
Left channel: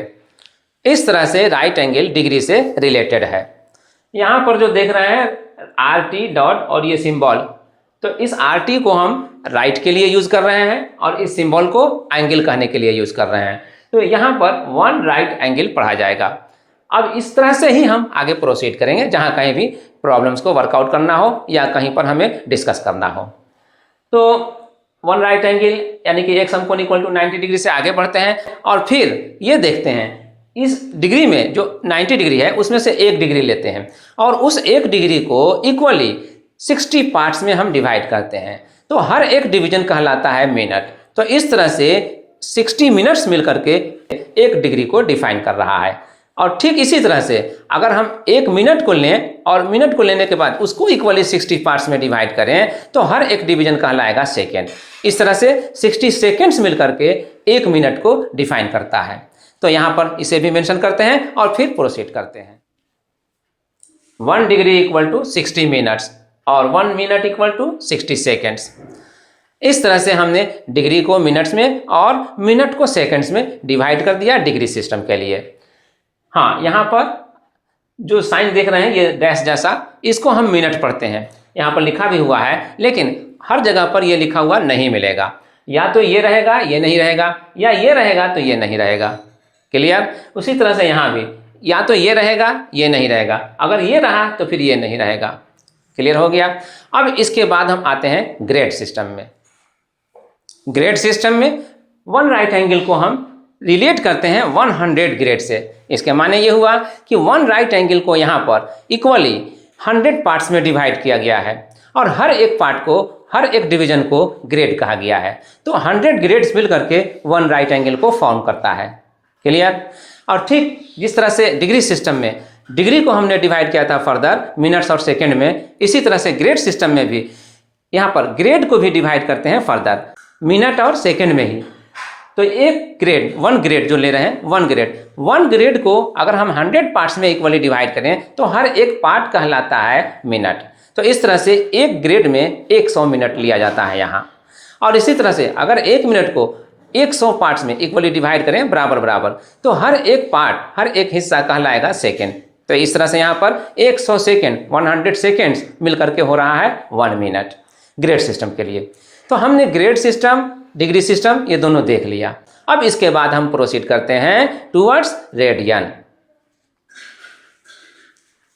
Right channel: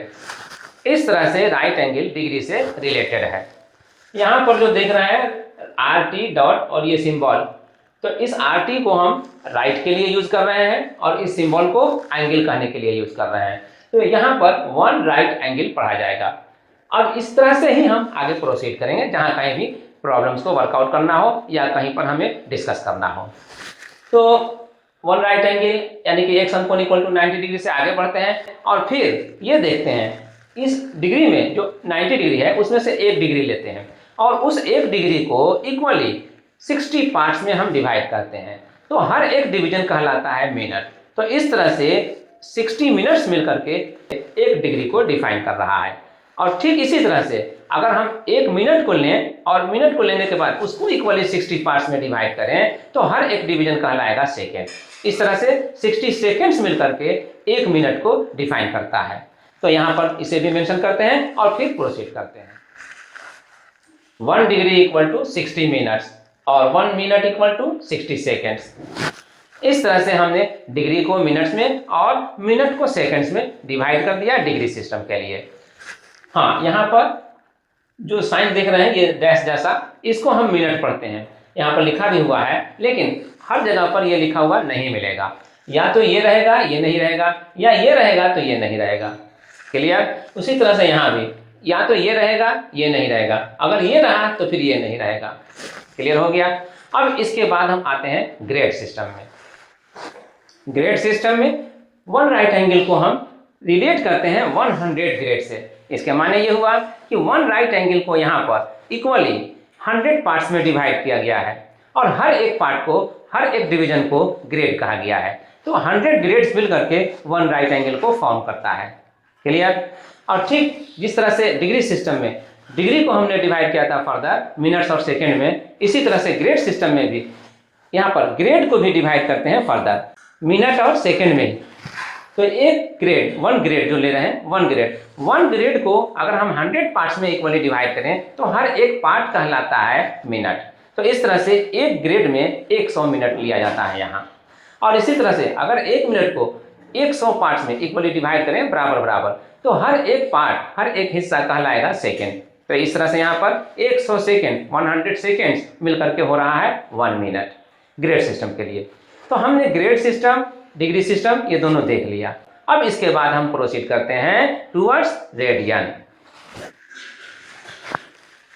इस तरह से राइट एंगल डिग्री से रिलेटेड है। यहाँ पर जो देख रहे हैं आर टी डॉट और ये सिंबल, तो इस आर टी को हम राइट के लिए यूज़ कर रहे हैं और इस सिंबल को एंगल कहने के लिए यूज़ कर रहे हैं। तो यहाँ पर वन राइट एंगल पढ़ा जाएगा। अब इस तरह से ही हम आगे प्रोसीड करेंगे जहाँ कहीं भी प्रॉब्लम्स को वर्कआउट करना हो या कहीं पर हमें डिस्कस करना हो। तो वन राइट एंगल यानी कि एक समकोण इक्वल टू 90 डिग्री से आगे बढ़ते हैं और फिर ये देखते हैं इस डिग्री में जो 90 डिग्री है उसमें से 1 डिग्री लेते हैं और उस 1 डिग्री को इक्वली 60 पार्ट्स में हम डिवाइड करते हैं। तो हर एक डिवीजन कहलाता है मिनट। तो इस तरह से 60 मिनट्स मिलकर के 1 डिग्री को डिफाइन कर रहा है। और ठीक इसी तरह से अगर हम 1 मिनट को लें और मिनट को लेने के बाद उसको इक्वली 60 पार्ट्स में डिवाइड करें तो हर एक डिवीजन कहलाएगा सेकेंड। इस तरह से 60 सेकेंड्स मिलकर के 1 मिनट को डिफाइन करता है। तो यहाँ पर इसे भी मेंशन करते हैं और फिर प्रोसीड करते हैं। 1 डिग्री इक्वल टू 60 मिनट्स और 1 मिनट इक्वल टू 60 सेकेंड्स। इस तरह से हमने डिग्री को मिनट्स में और मिनट को सेकेंड्स में डिवाइड कर दिया डिग्री सिस्टम के लिए। हाँ, यहाँ पर जो साइन देख रहे हैं ये डैश जैसा, इसको हम मिनट पढ़ते हैं। यहाँ पर लिखा भी हुआ है लेकिन हर जगह पर ये लिखा हुआ नहीं मिलेगा। या तो ये रहेगा ये नहीं रहेगा, या ये रहेगा तो ये नहीं रहेगा। क्लियर? उसी तरह से यहाँ भी या तो ये रहेगा ये नहीं रहेगा, अगर ये रहा तो फिर ये नहीं रहेगा। क्लियर हो गया? अब इसके बाद हम आते हैं ग्रेड सिस्टम में। ग्रेड सिस्टम में वन राइट एंगल को हम रिलेट करते हैं 100 ग्रेड से। इसके माने ये हुआ कि वन राइट एंगल को यहाँ पर इक्वली 100 पार्ट्स में डिवाइड किया गया है और हर एक पार्ट को, हर एक डिवीजन को ग्रेड कहा गया है। तो 100 ग्रेड्स मिल करके वन राइट एंगल को फॉर्म करता है। क्लियर? और ठीक जिस तरह से डिग्री सिस्टम में डिग्री को हमने डिवाइड किया था फर्दर मिनट्स और सेकेंड में, इसी तरह से ग्रेड सिस्टम में भी यहाँ पर ग्रेड को भी डिवाइड करते हैं फर्दर मिनट और सेकेंड में ही। तो एक ग्रेड, 1 ग्रेड जो ले रहे हैं 1 ग्रेड को अगर हम 100 पार्ट्स में इक्वली डिवाइड करें तो हर एक पार्ट कहलाता है मिनट। तो इस तरह से एक ग्रेड में 100 मिनट लिया जाता है यहाँ। और इसी तरह से अगर 1 मिनट को 100 पार्ट्स में इक्वली डिवाइड करें बराबर बराबर तो हर एक पार्ट, हर एक हिस्सा कहलाएगा सेकेंड। तो इस तरह से यहाँ पर 100 सेकेंड, 100 सेकेंड्स मिलकर के हो रहा है 1 मिनट ग्रेड सिस्टम के लिए। तो हमने ग्रेड सिस्टम, डिग्री सिस्टम ये दोनों देख लिया। अब इसके बाद हम प्रोसीड करते हैं टूवर्ड्स रेडियन।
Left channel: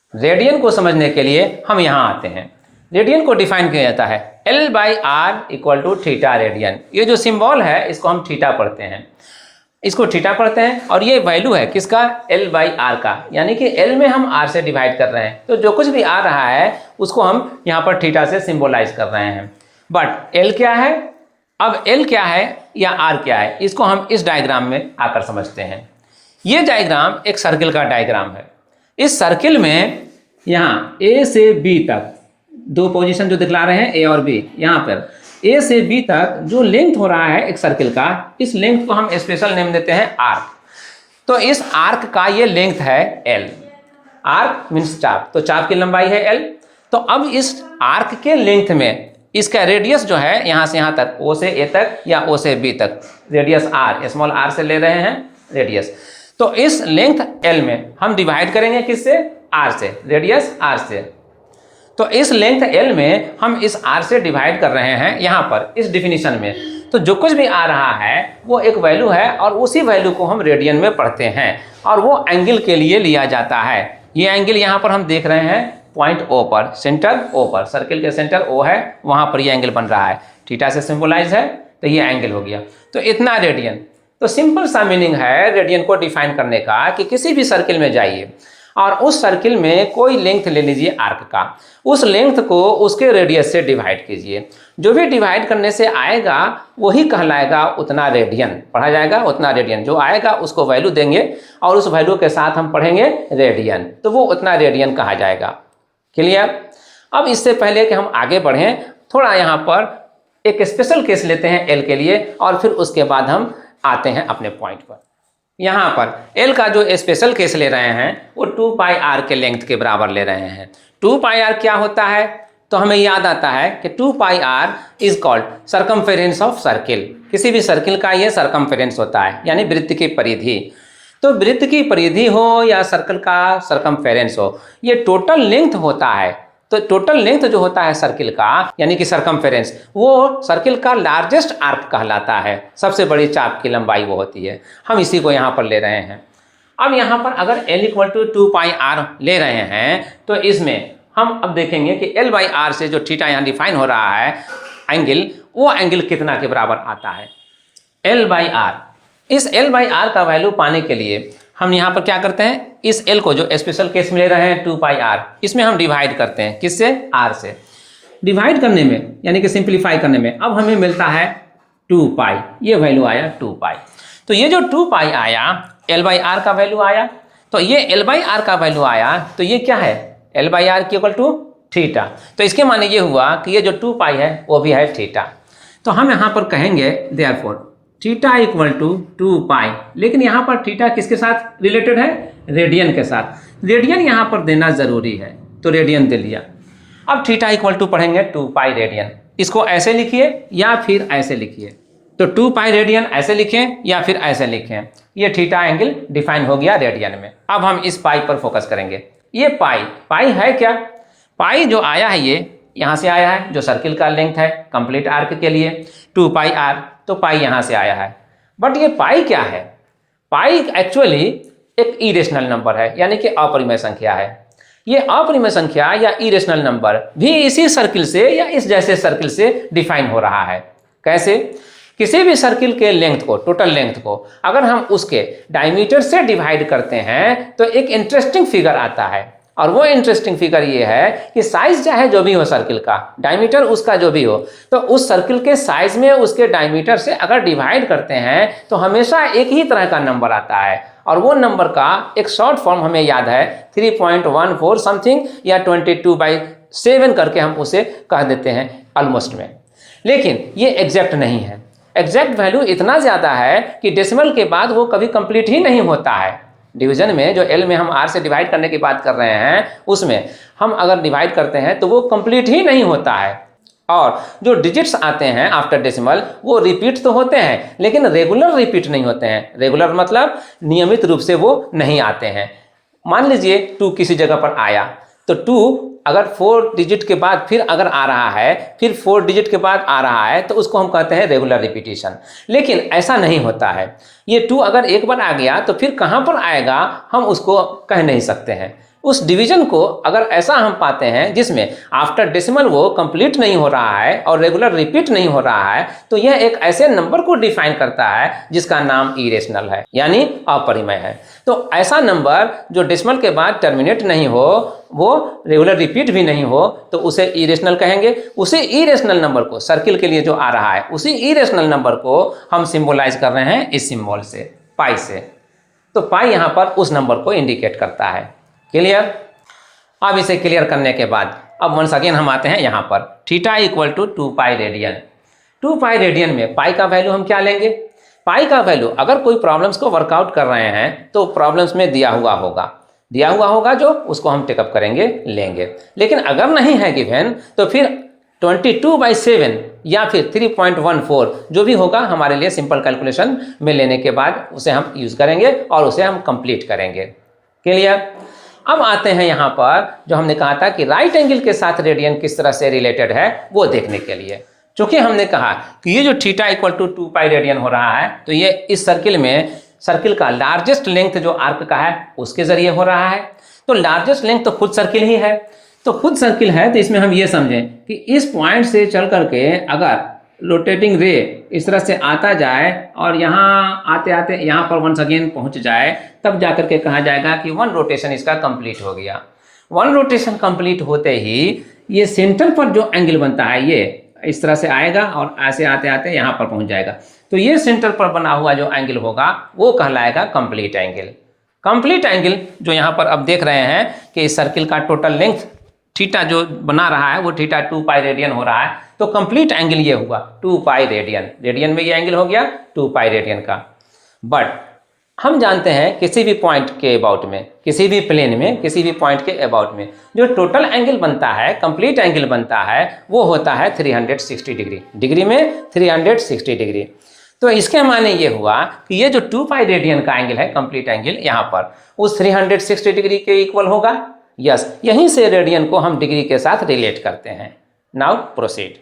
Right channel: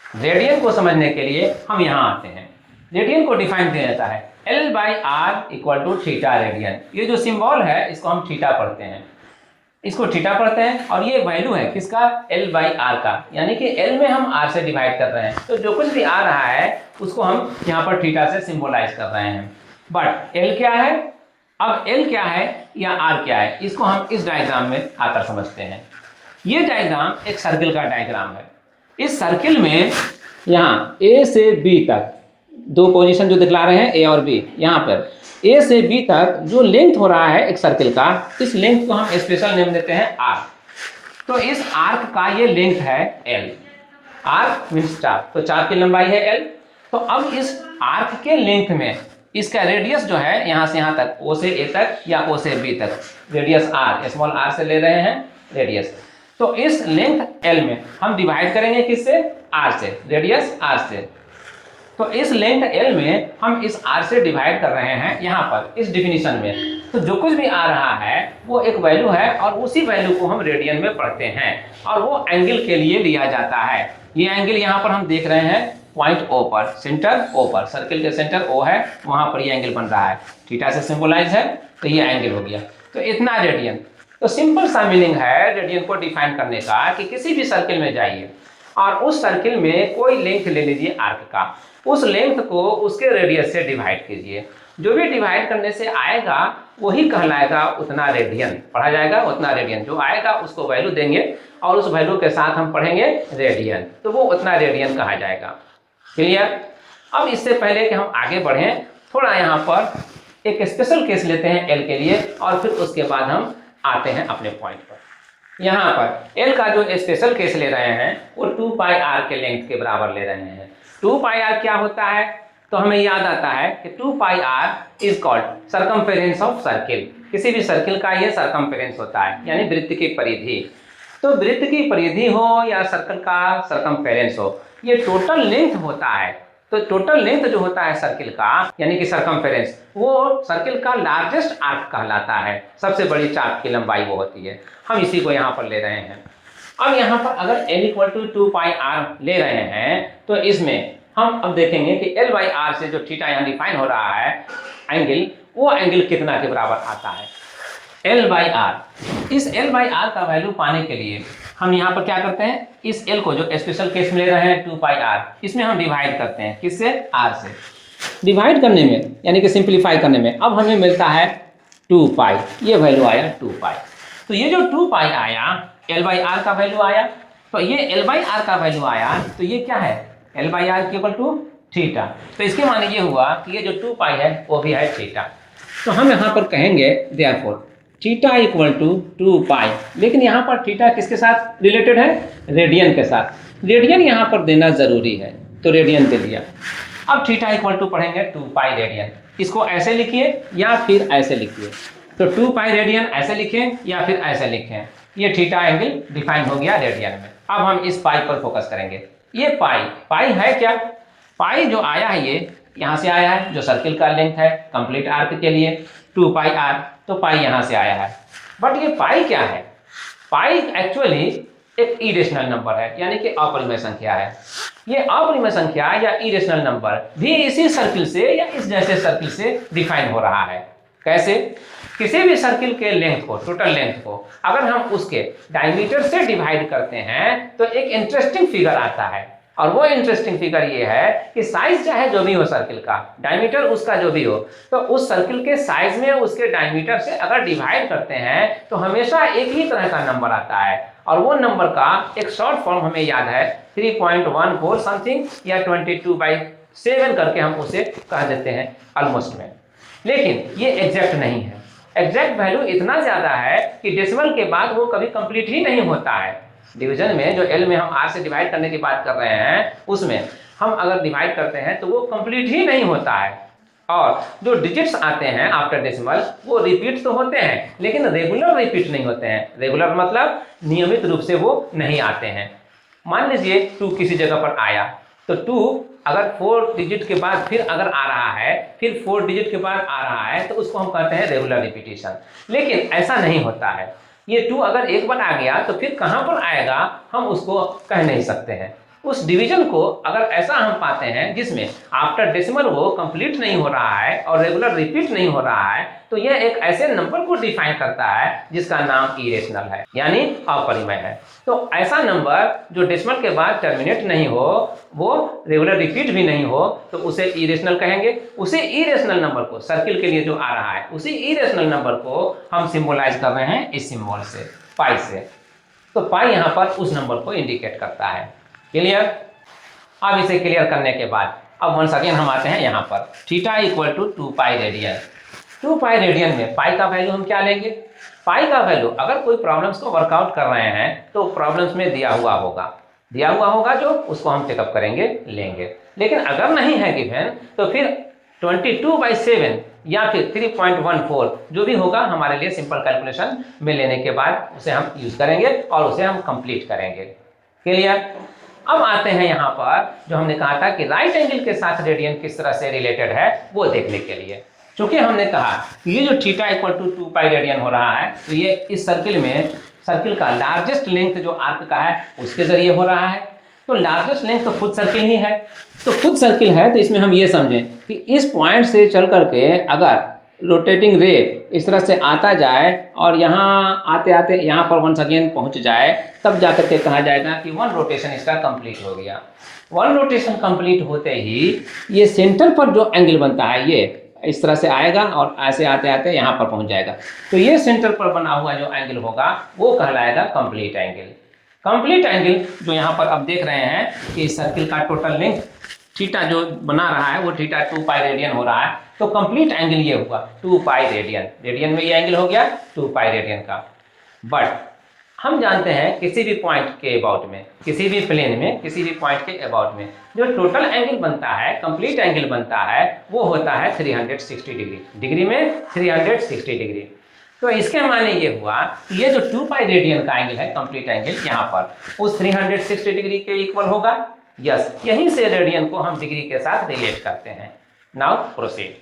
रेडियन को समझने के लिए हम यहाँ आते हैं। रेडियन को डिफाइन किया जाता है L/R equal to theta radian. ये जो सिंबल है इसको हम थीटा पढ़ते हैं, इसको थीटा पढ़ते हैं और ये वैल्यू है किसका? L/R का, यानी कि L में हम R से डिवाइड कर रहे हैं। तो जो कुछ भी आ रहा है उसको हम यहाँ पर थीटा से सिंबलाइज कर रहे हैं। बट L क्या है? अब L क्या है या R क्या है, इसको हम इस डायग्राम में आकर समझते हैं। ये डायग्राम एक सर्किल का डायग्राम है। इस सर्किल में यहाँ A से B तक 2 पोजीशन जो दिखला रहे हैं A और B, यहाँ पर A से B तक जो लेंथ हो रहा है एक सर्किल का, इस लेंथ को हम स्पेशल नेम देते हैं आर्क। तो इस आर्क का ये लेंथ है L। आर्क मीन्स चाप, तो चाप की लंबाई है L। तो अब इस आर्क के लेंथ में इसका रेडियस जो है यहाँ से यहाँ तक, O से A तक या O से B तक, रेडियस R, स्मॉल r से ले रहे हैं रेडियस। तो इस लेंथ L में हम डिवाइड करेंगे किससे? R से, रेडियस R से। तो इस लेंथ L में हम इस R से डिवाइड कर रहे हैं यहाँ पर इस डिफिनीशन में। तो जो कुछ भी आ रहा है वो एक वैल्यू है और उसी वैल्यू को हम रेडियन में पढ़ते हैं और वो एंगल के लिए लिया जाता है। ये एंगल यहाँ पर हम देख रहे हैं पॉइंट O पर, सेंटर O पर, सर्किल के सेंटर O है, वहाँ पर ये एंगल बन रहा है, थीटा से सिंबलाइज है, तो ये एंगल हो गया। तो इतना रेडियन। तो सिंपल सा मीनिंग है रेडियन को डिफाइन करने का कि किसी भी सर्किल में जाइए और उस सर्किल में कोई लेंथ ले लीजिए आर्क का, उस लेंथ को उसके रेडियस से डिवाइड कीजिए। जो भी डिवाइड करने से आएगा वही कहलाएगा उतना रेडियन, पढ़ा जाएगा उतना रेडियन। जो आएगा उसको वैल्यू देंगे और उस वैल्यू के साथ हम पढ़ेंगे रेडियन, तो वो उतना रेडियन कहा जाएगा। क्लियर? अब इससे पहले कि हम आगे बढ़ें, थोड़ा यहाँ पर एक स्पेशल केस लेते हैं L के लिए और फिर उसके बाद हम आते हैं अपने पॉइंट पर। यहाँ पर L का जो स्पेशल केस ले रहे हैं वो 2πr के लेंथ के बराबर ले रहे हैं। 2πr क्या होता है? तो हमें याद आता है कि 2πr is called circumference of circle. किसी भी सर्किल का ये सरकमफेरेंस होता है, यानी वृत्त की परिधि। तो वृत्त की परिधि हो या सर्कल का सरकमफेरेंस हो, ये टोटल लेंथ होता है। तो टोटल लेंथ जो होता है सर्किल का यानी कि सरकमफेरेंस, वो सर्किल का लार्जेस्ट आर्क कहलाता है। सबसे बड़ी चाप की लंबाई वो होती है। हम इसी को यहाँ पर ले रहे हैं। अब यहाँ पर अगर L = 2πr ले रहे हैं तो इसमें हम अब देखेंगे कि L/r से जो थीटा यहाँ डिफाइन हो रहा है एंगल, वो एंगल कितना के बराबर आता है, L/r। इस L/r का वैल्यू पाने के लिए हम यहाँ पर क्या करते हैं, इस L को जो स्पेशल केस में ले रहे हैं 2πr, इसमें हम डिवाइड करते हैं। किससे? r से। डिवाइड करने में यानी कि सिंप्लीफाई करने में अब हमें मिलता है 2π, ये वैल्यू आया 2π। तो ये जो 2π आया L/r का वैल्यू आया, तो ये L/r का वैल्यू आया, तो ये क्या है, L/r = थीटा। तो इसके माने ये हुआ कि ये जो 2π है वो भी है थीटा। तो हम यहाँ पर कहेंगे देयरफॉर थीटा = 2π, लेकिन यहाँ पर थीटा किसके साथ रिलेटेड है, रेडियन के साथ। रेडियन यहाँ पर देना ज़रूरी है, तो रेडियन दे दिया। अब थीटा = पढ़ेंगे 2π रेडियन। इसको ऐसे लिखिए या फिर ऐसे लिखिए। तो 2π रेडियन ऐसे लिखें या फिर ऐसे लिखें। ये थीटा एंगल डिफाइन हो गया रेडियन में। अब हम इस पाई पर फोकस करेंगे। ये पाई है क्या, पाई जो आया है ये यहाँ से आया है, जो सर्किल का लेंथ है कंप्लीट आर्क के लिए 2πr, तो पाई यहाँ से आया है। बट ये पाई क्या है, पाई एक्चुअली एक इरेशनल नंबर है, यानी कि अपरिमेय संख्या है। ये अपरिमेय संख्या या इरेशनल नंबर भी इसी सर्किल से या इस जैसे सर्किल से डिफाइन हो रहा है। कैसे? किसी भी सर्किल के लेंथ को, टोटल लेंथ को अगर हम उसके डायमीटर से डिवाइड करते हैं तो एक इंटरेस्टिंग फिगर आता है। और वो इंटरेस्टिंग फिगर ये है कि साइज चाहे जो भी हो सर्किल का, डायमीटर उसका जो भी हो, तो उस सर्किल के साइज में उसके डायमीटर से अगर डिवाइड करते हैं तो हमेशा एक ही तरह का नंबर आता है। और वो नंबर का एक शॉर्ट फॉर्म हमें याद है 3.14 समथिंग या 22/7 करके हम उसे कह देते हैं ऑलमोस्ट में। लेकिन ये एग्जैक्ट नहीं है। एग्जैक्ट वैल्यू इतना ज़्यादा है कि डेसिमल के बाद वो कभी कंप्लीट ही नहीं होता है। डिवीजन में जो L में हम R से डिवाइड करने की बात कर रहे हैं, उसमें हम अगर डिवाइड करते हैं तो वो कंप्लीट ही नहीं होता है। और जो डिजिट्स आते हैं आफ्टर डेसिमल वो रिपीट तो होते हैं, लेकिन रेगुलर रिपीट नहीं होते हैं। रेगुलर मतलब नियमित रूप से वो नहीं आते हैं। मान लीजिए 2 किसी जगह पर आया, तो 2 अगर 4 डिजिट के बाद फिर अगर आ रहा है, फिर 4 डिजिट के बाद आ रहा है, तो उसको हम कहते हैं रेगुलर रिपीटिशन। लेकिन ऐसा नहीं होता है। ये 2 अगर एक बार आ गया तो फिर कहाँ पर आएगा हम उसको कह नहीं सकते हैं। उस डिवीजन को अगर ऐसा हम पाते हैं जिसमें आफ्टर डेसिमल वो कंप्लीट नहीं हो रहा है और रेगुलर रिपीट नहीं हो रहा है, तो यह एक ऐसे नंबर को डिफाइन करता है जिसका नाम इरेशनल है, यानी अपरिमेय है। तो ऐसा नंबर जो डेसिमल के बाद टर्मिनेट नहीं हो, वो रेगुलर रिपीट भी नहीं हो, तो उसे इरेशनल कहेंगे। उसी इरेशनल नंबर को, सर्किल के लिए जो आ रहा है, उसी इरेशनल नंबर को हम सिंबलाइज कर रहे हैं इस सिंबल से, पाई से। तो पाई यहाँ पर उस नंबर को इंडिकेट करता है। क्लियर? अब इसे क्लियर करने के बाद अब वंस अगेन हम आते हैं यहाँ पर थीटा = 2π रेडियन। 2π रेडियन में पाई का वैल्यू हम क्या लेंगे? पाई का वैल्यू अगर कोई प्रॉब्लम्स को वर्कआउट कर रहे हैं तो प्रॉब्लम्स में दिया हुआ होगा जो उसको हम टेकअप करेंगे, लेंगे। लेकिन अगर नहीं है गिवन तो फिर 22/7 या फिर 3.14 जो भी होगा हमारे लिए सिंपल कैलकुलेशन में लेने के बाद उसे हम यूज़ करेंगे और उसे हम कंप्लीट करेंगे। क्लियर? अब आते हैं यहाँ पर जो हमने कहा था कि राइट एंगल के साथ रेडियन किस तरह से रिलेटेड है वो देखने के लिए। चूँकि हमने कहा कि ये जो थीटा = 2π रेडियन हो रहा है, तो ये इस सर्किल में सर्किल का लार्जेस्ट लेंथ जो आर्क का है उसके ज़रिए हो रहा है। तो लार्जेस्ट लेंथ तो खुद सर्किल ही है। तो खुद सर्किल है तो इसमें हम ये समझें कि इस पॉइंट से चल करके अगर रोटेटिंग रे इस तरह से आता जाए और यहाँ आते आते यहाँ पर वंस अगेन पहुँच जाए, तब जाकर के कहा जाएगा कि 1 रोटेशन इसका कंप्लीट हो गया। 1 रोटेशन कंप्लीट होते ही ये सेंटर पर जो एंगल बनता है ये इस तरह से आएगा और ऐसे आते आते यहाँ पर पहुँच जाएगा। तो ये सेंटर पर बना हुआ जो एंगल होगा वो कहलाएगा कंप्लीट एंगल। कंप्लीट एंगल जो यहाँ पर अब देख रहे हैं कि इस सर्किल का टोटल लेंथ थीटा जो बना रहा है वो थीटा 2π रेडियन हो रहा है, तो कंप्लीट एंगल ये हुआ 2π रेडियन। रेडियन में ये एंगल हो गया 2π रेडियन का। बट हम जानते हैं किसी भी पॉइंट के अबाउट में, किसी भी प्लेन में, किसी भी पॉइंट के अबाउट में जो टोटल एंगल बनता है, कंप्लीट एंगल बनता है, वो होता है 360 डिग्री। डिग्री में 360 डिग्री। तो इसके माने ये हुआ कि ये जो 2 पाई रेडियन का एंगल है, कंप्लीट एंगल, यहाँ पर उस 360 डिग्री के इक्वल होगा। यस, यहीं से रेडियन को हम डिग्री के साथ रिलेट करते हैं। Now proceed.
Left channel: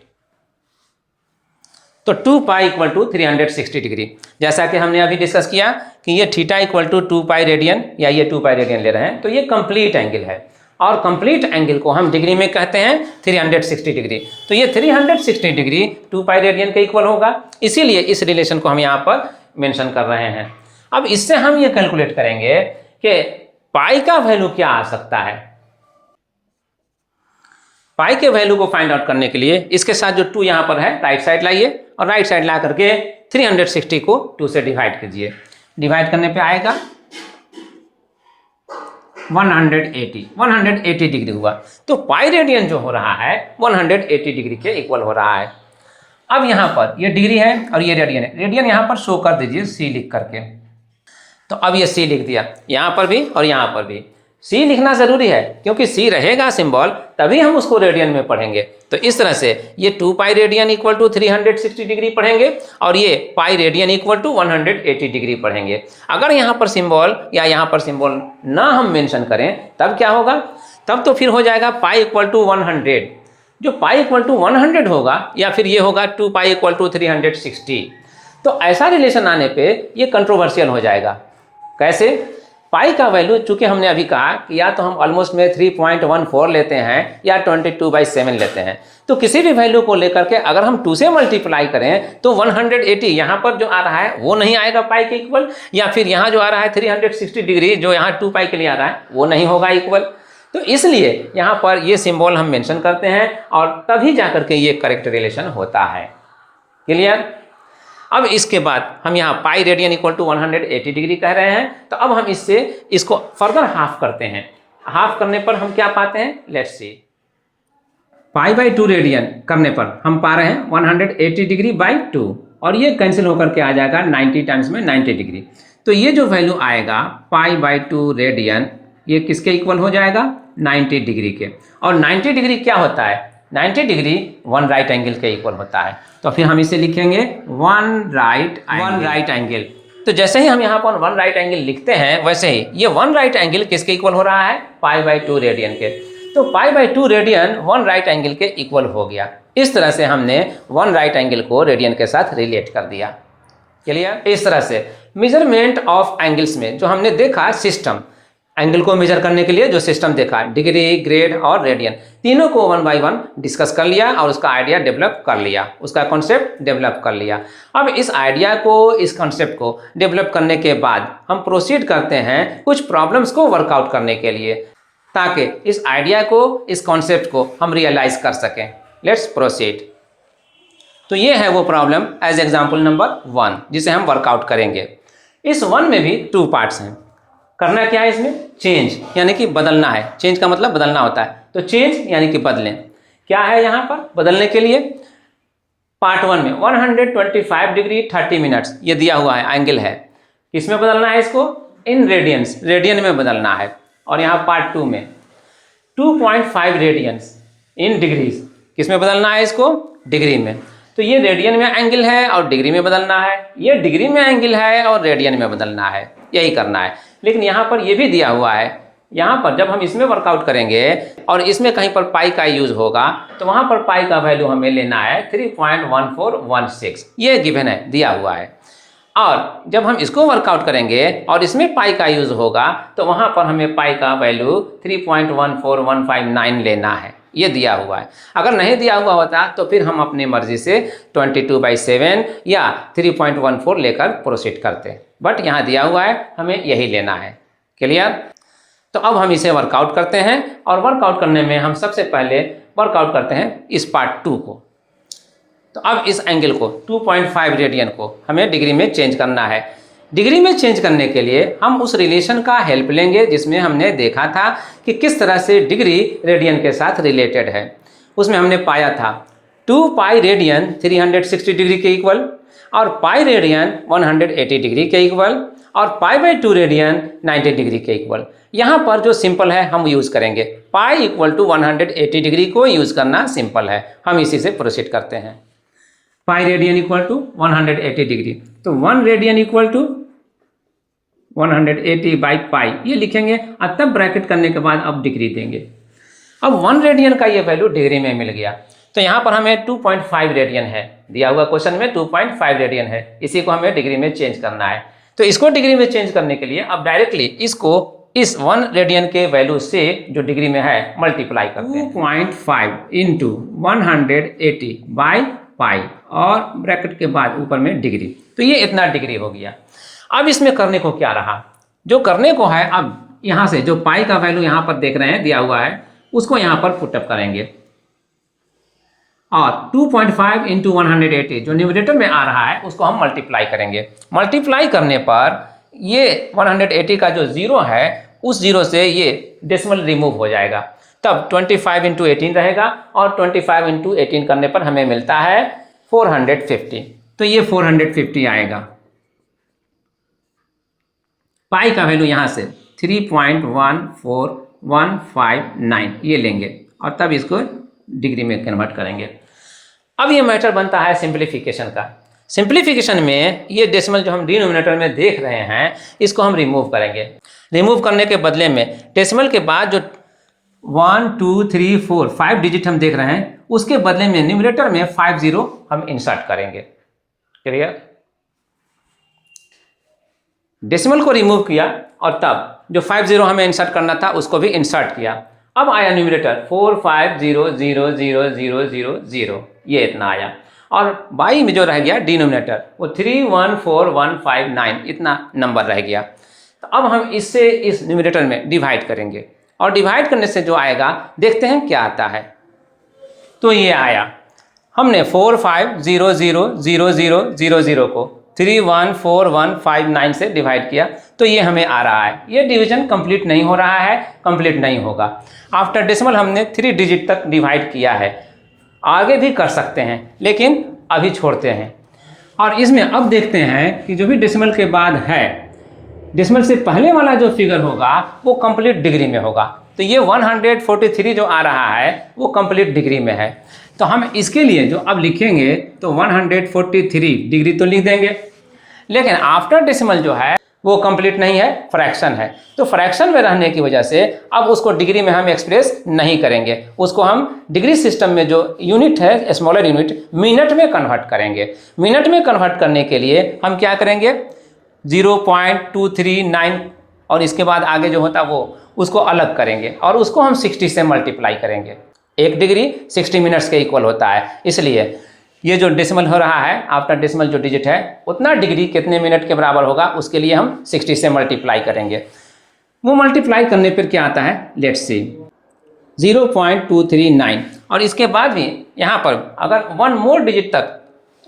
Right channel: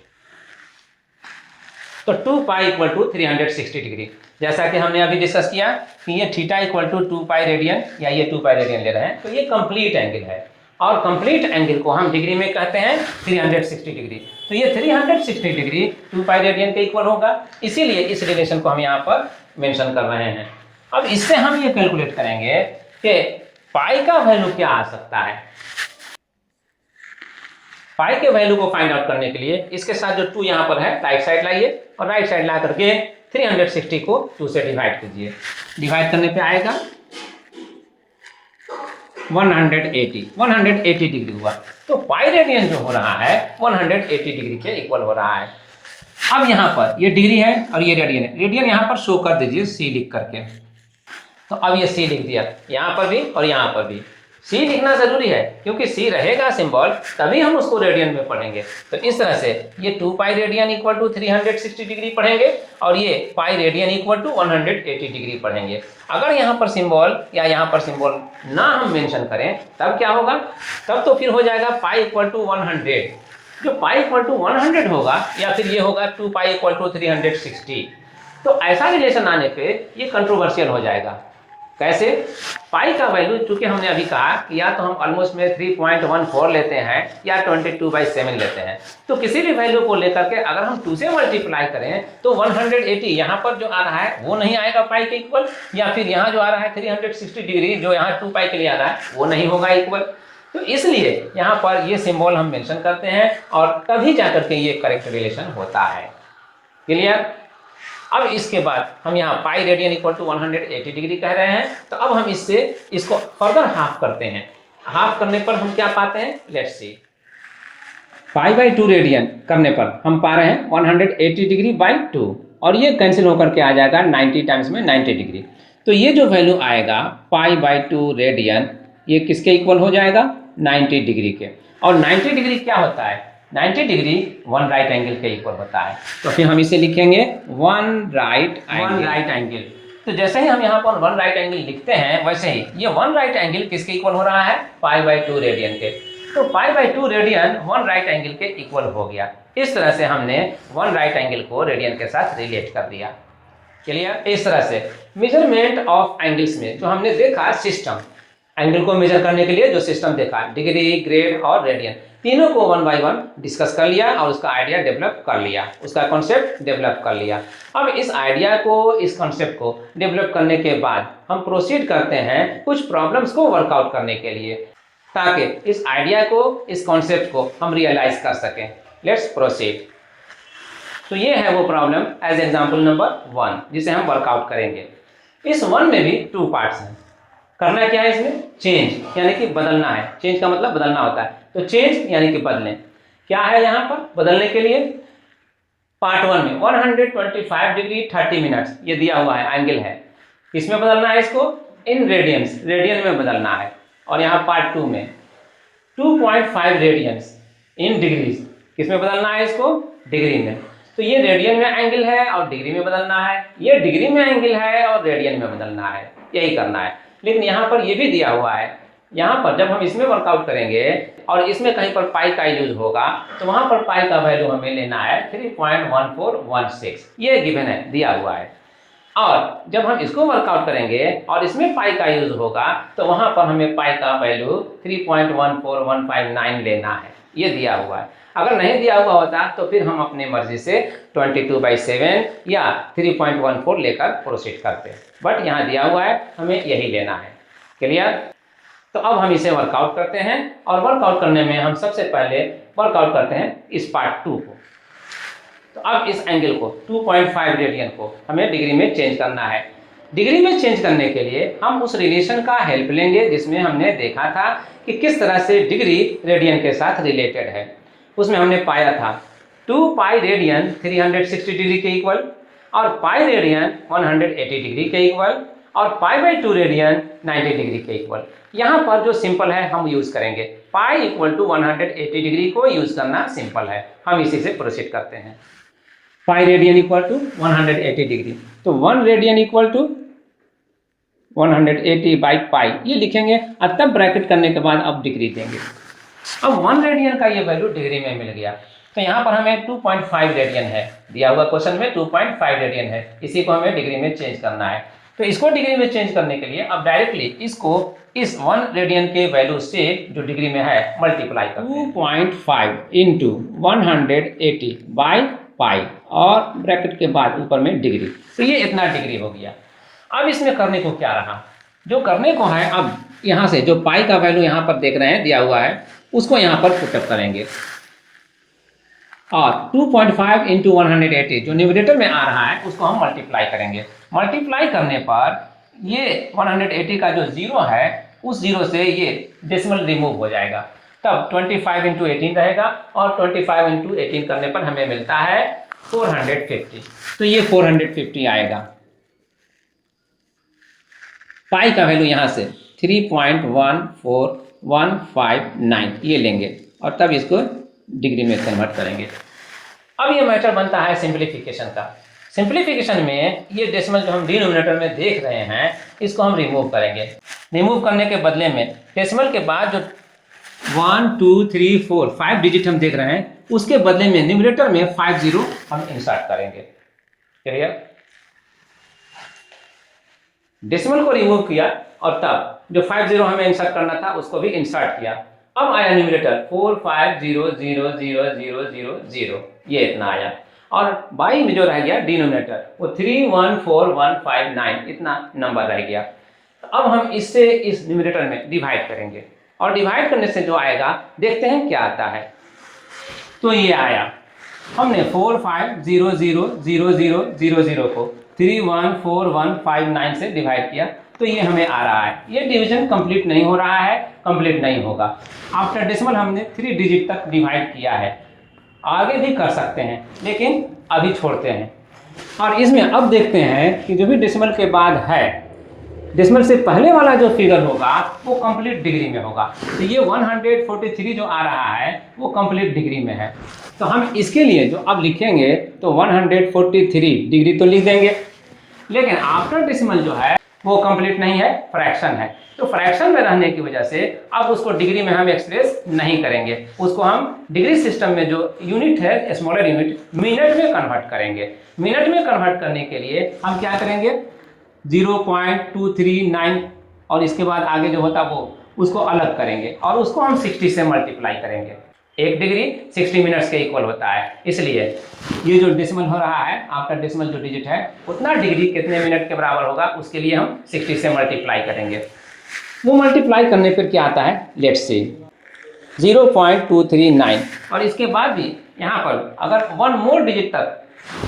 तो 2 पाई इक्वल टू 360 डिग्री, जैसा कि हमने अभी डिस्कस किया कि ये theta equal to 2 pi radian, या ये 2 पाई रेडियन ले रहे हैं, तो ये कंप्लीट एंगल है और कंप्लीट एंगल को हम डिग्री में कहते हैं 360 डिग्री। तो ये 360 डिग्री 2 पाई रेडियन के इक्वल होगा, इसीलिए इस रिलेशन को हम यहाँ पर मेंशन कर रहे हैं। अब इससे हम ये कैलकुलेट करेंगे कि पाई का वैल्यू क्या आ सकता है। पाई के वैल्यू को फाइंड आउट करने के लिए इसके साथ जो 2 यहाँ पर है राइट साइड लाइए और राइट साइड ला करके 360 को 2 से डिवाइड कीजिए। डिवाइड करने पे आएगा 180 डिग्री हुआ। तो पाई रेडियन जो हो रहा है 180 डिग्री के इक्वल हो रहा है। अब यहाँ पर ये डिग्री है और ये रेडियन है, रेडियन यहाँ पर शो कर दीजिए C लिख करके। तो अब ये C लिख दिया यहाँ पर भी और यहाँ पर भी। C लिखना ज़रूरी है क्योंकि C रहेगा सिंबल तभी हम उसको रेडियन में पढ़ेंगे। तो इस तरह से ये 2 pi radian equal to 360 degree पढ़ेंगे और ये pi radian equal to 180 degree पढ़ेंगे। अगर यहाँ पर सिंबल या यहाँ पर सिंबल ना हम मेंशन करें तब क्या होगा, तब तो फिर हो जाएगा पाई इक्वल टू 100। जो पाई इक्वल टू 100 होगा या फिर ये होगा 2 पाई इक्वल टू 360। तो ऐसा रिलेशन आने पर ये कंट्रोवर्शियल हो जाएगा। कैसे? पाई का वैल्यू चूंकि हमने अभी कहा कि या तो हम ऑलमोस्ट में 3.14 लेते हैं या 22/7 लेते हैं, तो किसी भी वैल्यू को लेकर के अगर हम 2 से मल्टीप्लाई करें तो 180 यहाँ पर जो आ रहा है वो नहीं आएगा पाई के इक्वल, या फिर यहाँ जो आ रहा है 360 डिग्री जो यहाँ 2 पाई के लिए आ रहा है वो नहीं होगा इक्वल। तो इसलिए यहाँ पर ये सिंबल हम मेंशन करते हैं और तभी जा करके ये करेक्ट रिलेशन होता है। क्लियर? अब इसके बाद हम यहाँ pi radian equal to 180 degree कह रहे हैं, तो अब हम इसको फर्दर हाफ करते हैं। हाफ करने पर हम क्या पाते हैं, लेट्स सी। पाई/2 रेडियन करने पर हम पा रहे हैं 180 डिग्री बाई 2 और ये कैंसिल होकर के आ जाएगा 90 टाइम्स में 90 डिग्री। तो ये जो वैल्यू आएगा पाई/2 रेडियन ये किसके इक्वल हो जाएगा, 90 डिग्री के। और 90 डिग्री क्या होता है, 90 डिग्री 1 राइट एंगल के इक्वल होता है। तो फिर हम इसे लिखेंगे 1 राइट एंगल। तो जैसे ही हम यहाँ पर 1 राइट एंगल लिखते हैं वैसे ही ये 1 राइट एंगल किसके इक्वल हो रहा है, पाई/2 रेडियन के। तो पाई/2 रेडियन 1 राइट एंगल के इक्वल हो गया। इस तरह से हमने 1 राइट एंगल को रेडियन के साथ रिलेट कर दिया। क्लियर? इस तरह से मेजरमेंट ऑफ एंगल्स में जो हमने देखा सिस्टम, एंगल को मेजर करने के लिए जो सिस्टम देखा, डिग्री, ग्रेड और रेडियन, तीनों को 1 बाय 1 डिस्कस कर लिया और उसका आइडिया डेवलप कर लिया, उसका कॉन्सेप्ट डेवलप कर लिया। अब इस आइडिया को, इस कॉन्सेप्ट को डेवलप करने के बाद हम प्रोसीड करते हैं कुछ प्रॉब्लम्स को वर्कआउट करने के लिए, ताकि इस आइडिया को, इस कॉन्सेप्ट को हम रियलाइज कर सकें। Let's proceed. तो ये है वो प्रॉब्लम एज एग्जाम्पल नंबर 1 जिसे हम वर्कआउट करेंगे। इस 1 में भी 2 पार्ट्स हैं। करना क्या है इसमें, चेंज यानी कि बदलना है। चेंज का मतलब बदलना होता है, तो चेंज यानी कि बदलें। क्या है यहाँ पर बदलने के लिए, पार्ट 1 में 125 डिग्री 30 मिनट्स ये दिया हुआ है, एंगल है। किसमें बदलना है इसको, इन रेडियंस, रेडियन में बदलना है। और यहाँ पार्ट 2 में 2.5 रेडियंस इन डिग्रीज, किसमें बदलना है इसको, डिग्री में। तो ये रेडियन में एंगल है और डिग्री में बदलना है, ये डिग्री में एंगल है और रेडियन में बदलना है, यही करना है। लेकिन यहाँ पर ये भी दिया हुआ है, यहाँ पर जब हम इसमें वर्कआउट करेंगे और इसमें कहीं पर पाई का यूज होगा तो वहाँ पर पाई का वैल्यू हमें लेना है 3.1416, ये गिवन है, दिया हुआ है। और जब हम इसको वर्कआउट करेंगे और इसमें पाई का यूज होगा तो वहाँ पर हमें पाई का वैल्यू 3.14159 लेना है, ये दिया हुआ है। अगर नहीं दिया हुआ होता तो फिर हम अपनी मर्जी से 22/7 या 3.14 लेकर प्रोसीड करते, बट यहाँ दिया हुआ है, हमें यही लेना है। क्लियर? तो अब हम इसे वर्कआउट करते हैं और वर्कआउट करने में हम सबसे पहले वर्कआउट करते हैं इस पार्ट 2 को। तो अब इस एंगल को 2.5 रेडियन को हमें डिग्री में चेंज करना है। डिग्री में चेंज करने के लिए हम उस रिलेशन का हेल्प लेंगे जिसमें हमने देखा था कि किस तरह से डिग्री रेडियन के साथ रिलेटेड है। उसमें हमने पाया था 2 पाई रेडियन 360 डिग्री के इक्वल और पाई रेडियन 180 डिग्री के इक्वल और पाई/2 रेडियन 90 डिग्री के इक्वल। यहाँ पर जो सिंपल है हम यूज़ करेंगे, पाई इक्वल टू 180 डिग्री को यूज़ करना सिंपल है, हम इसी से प्रोसीड करते हैं। Pi radian equal to 180 degree. तो 1 radian equal to 180 by pi ये लिखेंगे और तब ब्रैकेट करने के बाद अब डिग्री देंगे। अब 1 रेडियन का ये वैल्यू डिग्री में मिल गया, तो यहाँ पर हमें 2.5 रेडियन है दिया हुआ क्वेश्चन में, 2.5 रेडियन है, इसी को हमें डिग्री में चेंज करना है। तो इसको डिग्री में चेंज करने के लिए अब डायरेक्टली इसको इस 1 रेडियन के वैल्यू से जो डिग्री में है मल्टीप्लाई करते हैं। 2.5 इंटू 180 बाई पाई और ब्रैकेट के बाद ऊपर में डिग्री, तो ये इतना डिग्री हो गया। अब इसमें करने को क्या रहा, जो करने को है अब यहाँ से जो पाई का वैल्यू यहाँ पर देख रहे हैं दिया हुआ है उसको यहाँ पर पुटअप करेंगे और 2.5 इंटू 180 जो न्यूमरेटर में आ रहा है उसको हम मल्टीप्लाई करेंगे। मल्टीप्लाई करने पर ये 180 का जो जीरो है उस जीरो से ये डेसिमल रिमूव हो जाएगा, तब 25 इंटू 18 रहेगा और 25 इंटू 18 करने पर हमें मिलता है 450। तो ये 450 आएगा। पाई का वैल्यू यहाँ से 3.14159 ये लेंगे और तब इसको डिग्री में कन्वर्ट करेंगे। अब ये मैटर बनता है सिंप्लीफिकेशन का। सिंप्लीफिकेशन में ये डेसिमल जो हम डिनोमिनेटर में देख रहे हैं इसको हम रिमूव करेंगे। रिमूव करने के बदले में डेसिमल के बाद जो 1 2 3 4 5 डिजिट हम देख रहे हैं उसके बदले में न्यूमरेटर में 50 हम इंसर्ट करेंगे। क्लियर? डेसिमल को रिमूव किया और तब जो 50 हमें इंसर्ट करना था उसको भी इंसर्ट किया। अब आया न्यूमरेटर 45000000 ये इतना आया और बाई में जो रह गया डिनोमिनेटर वो 314159 इतना नंबर रह गया। तो अब हम इससे इस न्यूमरेटर में डिवाइड करेंगे और डिवाइड करने से जो आएगा देखते हैं क्या आता है। तो ये आया, हमने 45000000 को 314159 से डिवाइड किया तो ये हमें आ रहा है। ये डिवीजन कंप्लीट नहीं हो रहा है, कंप्लीट नहीं होगा। आफ्टर डेसिमल हमने 3 डिजिट तक डिवाइड किया है, आगे भी कर सकते हैं लेकिन अभी छोड़ते हैं। और इसमें अब देखते हैं कि जो भी डेसिमल के बाद है, डेसिमल से पहले वाला जो फिगर होगा वो कंप्लीट डिग्री में होगा। तो ये 143 जो आ रहा है वो कंप्लीट डिग्री में है। तो हम इसके लिए जो अब लिखेंगे तो 143 डिग्री तो लिख देंगे, लेकिन आफ्टर डेसिमल जो है वो कंप्लीट नहीं है, फ्रैक्शन है। तो फ्रैक्शन में रहने की वजह से अब उसको डिग्री में हम एक्सप्रेस नहीं करेंगे, उसको हम डिग्री सिस्टम में जो यूनिट है स्मॉलर यूनिट मिनट में कन्वर्ट करेंगे। मिनट में कन्वर्ट करने के लिए हम क्या करेंगे 0.239 और इसके बाद आगे जो होता वो उसको अलग करेंगे और उसको हम 60 से मल्टीप्लाई करेंगे। 1 डिग्री 60 मिनट्स के इक्वल होता है, इसलिए ये जो डेसिमल हो रहा है आफ्टर डेसिमल जो डिजिट है उतना डिग्री कितने मिनट के बराबर होगा उसके लिए हम 60 से मल्टीप्लाई करेंगे। वो मल्टीप्लाई करने पर क्या आता है लेट्स सी 0.239 और इसके बाद भी यहाँ पर अगर 1 मोर डिजिट तक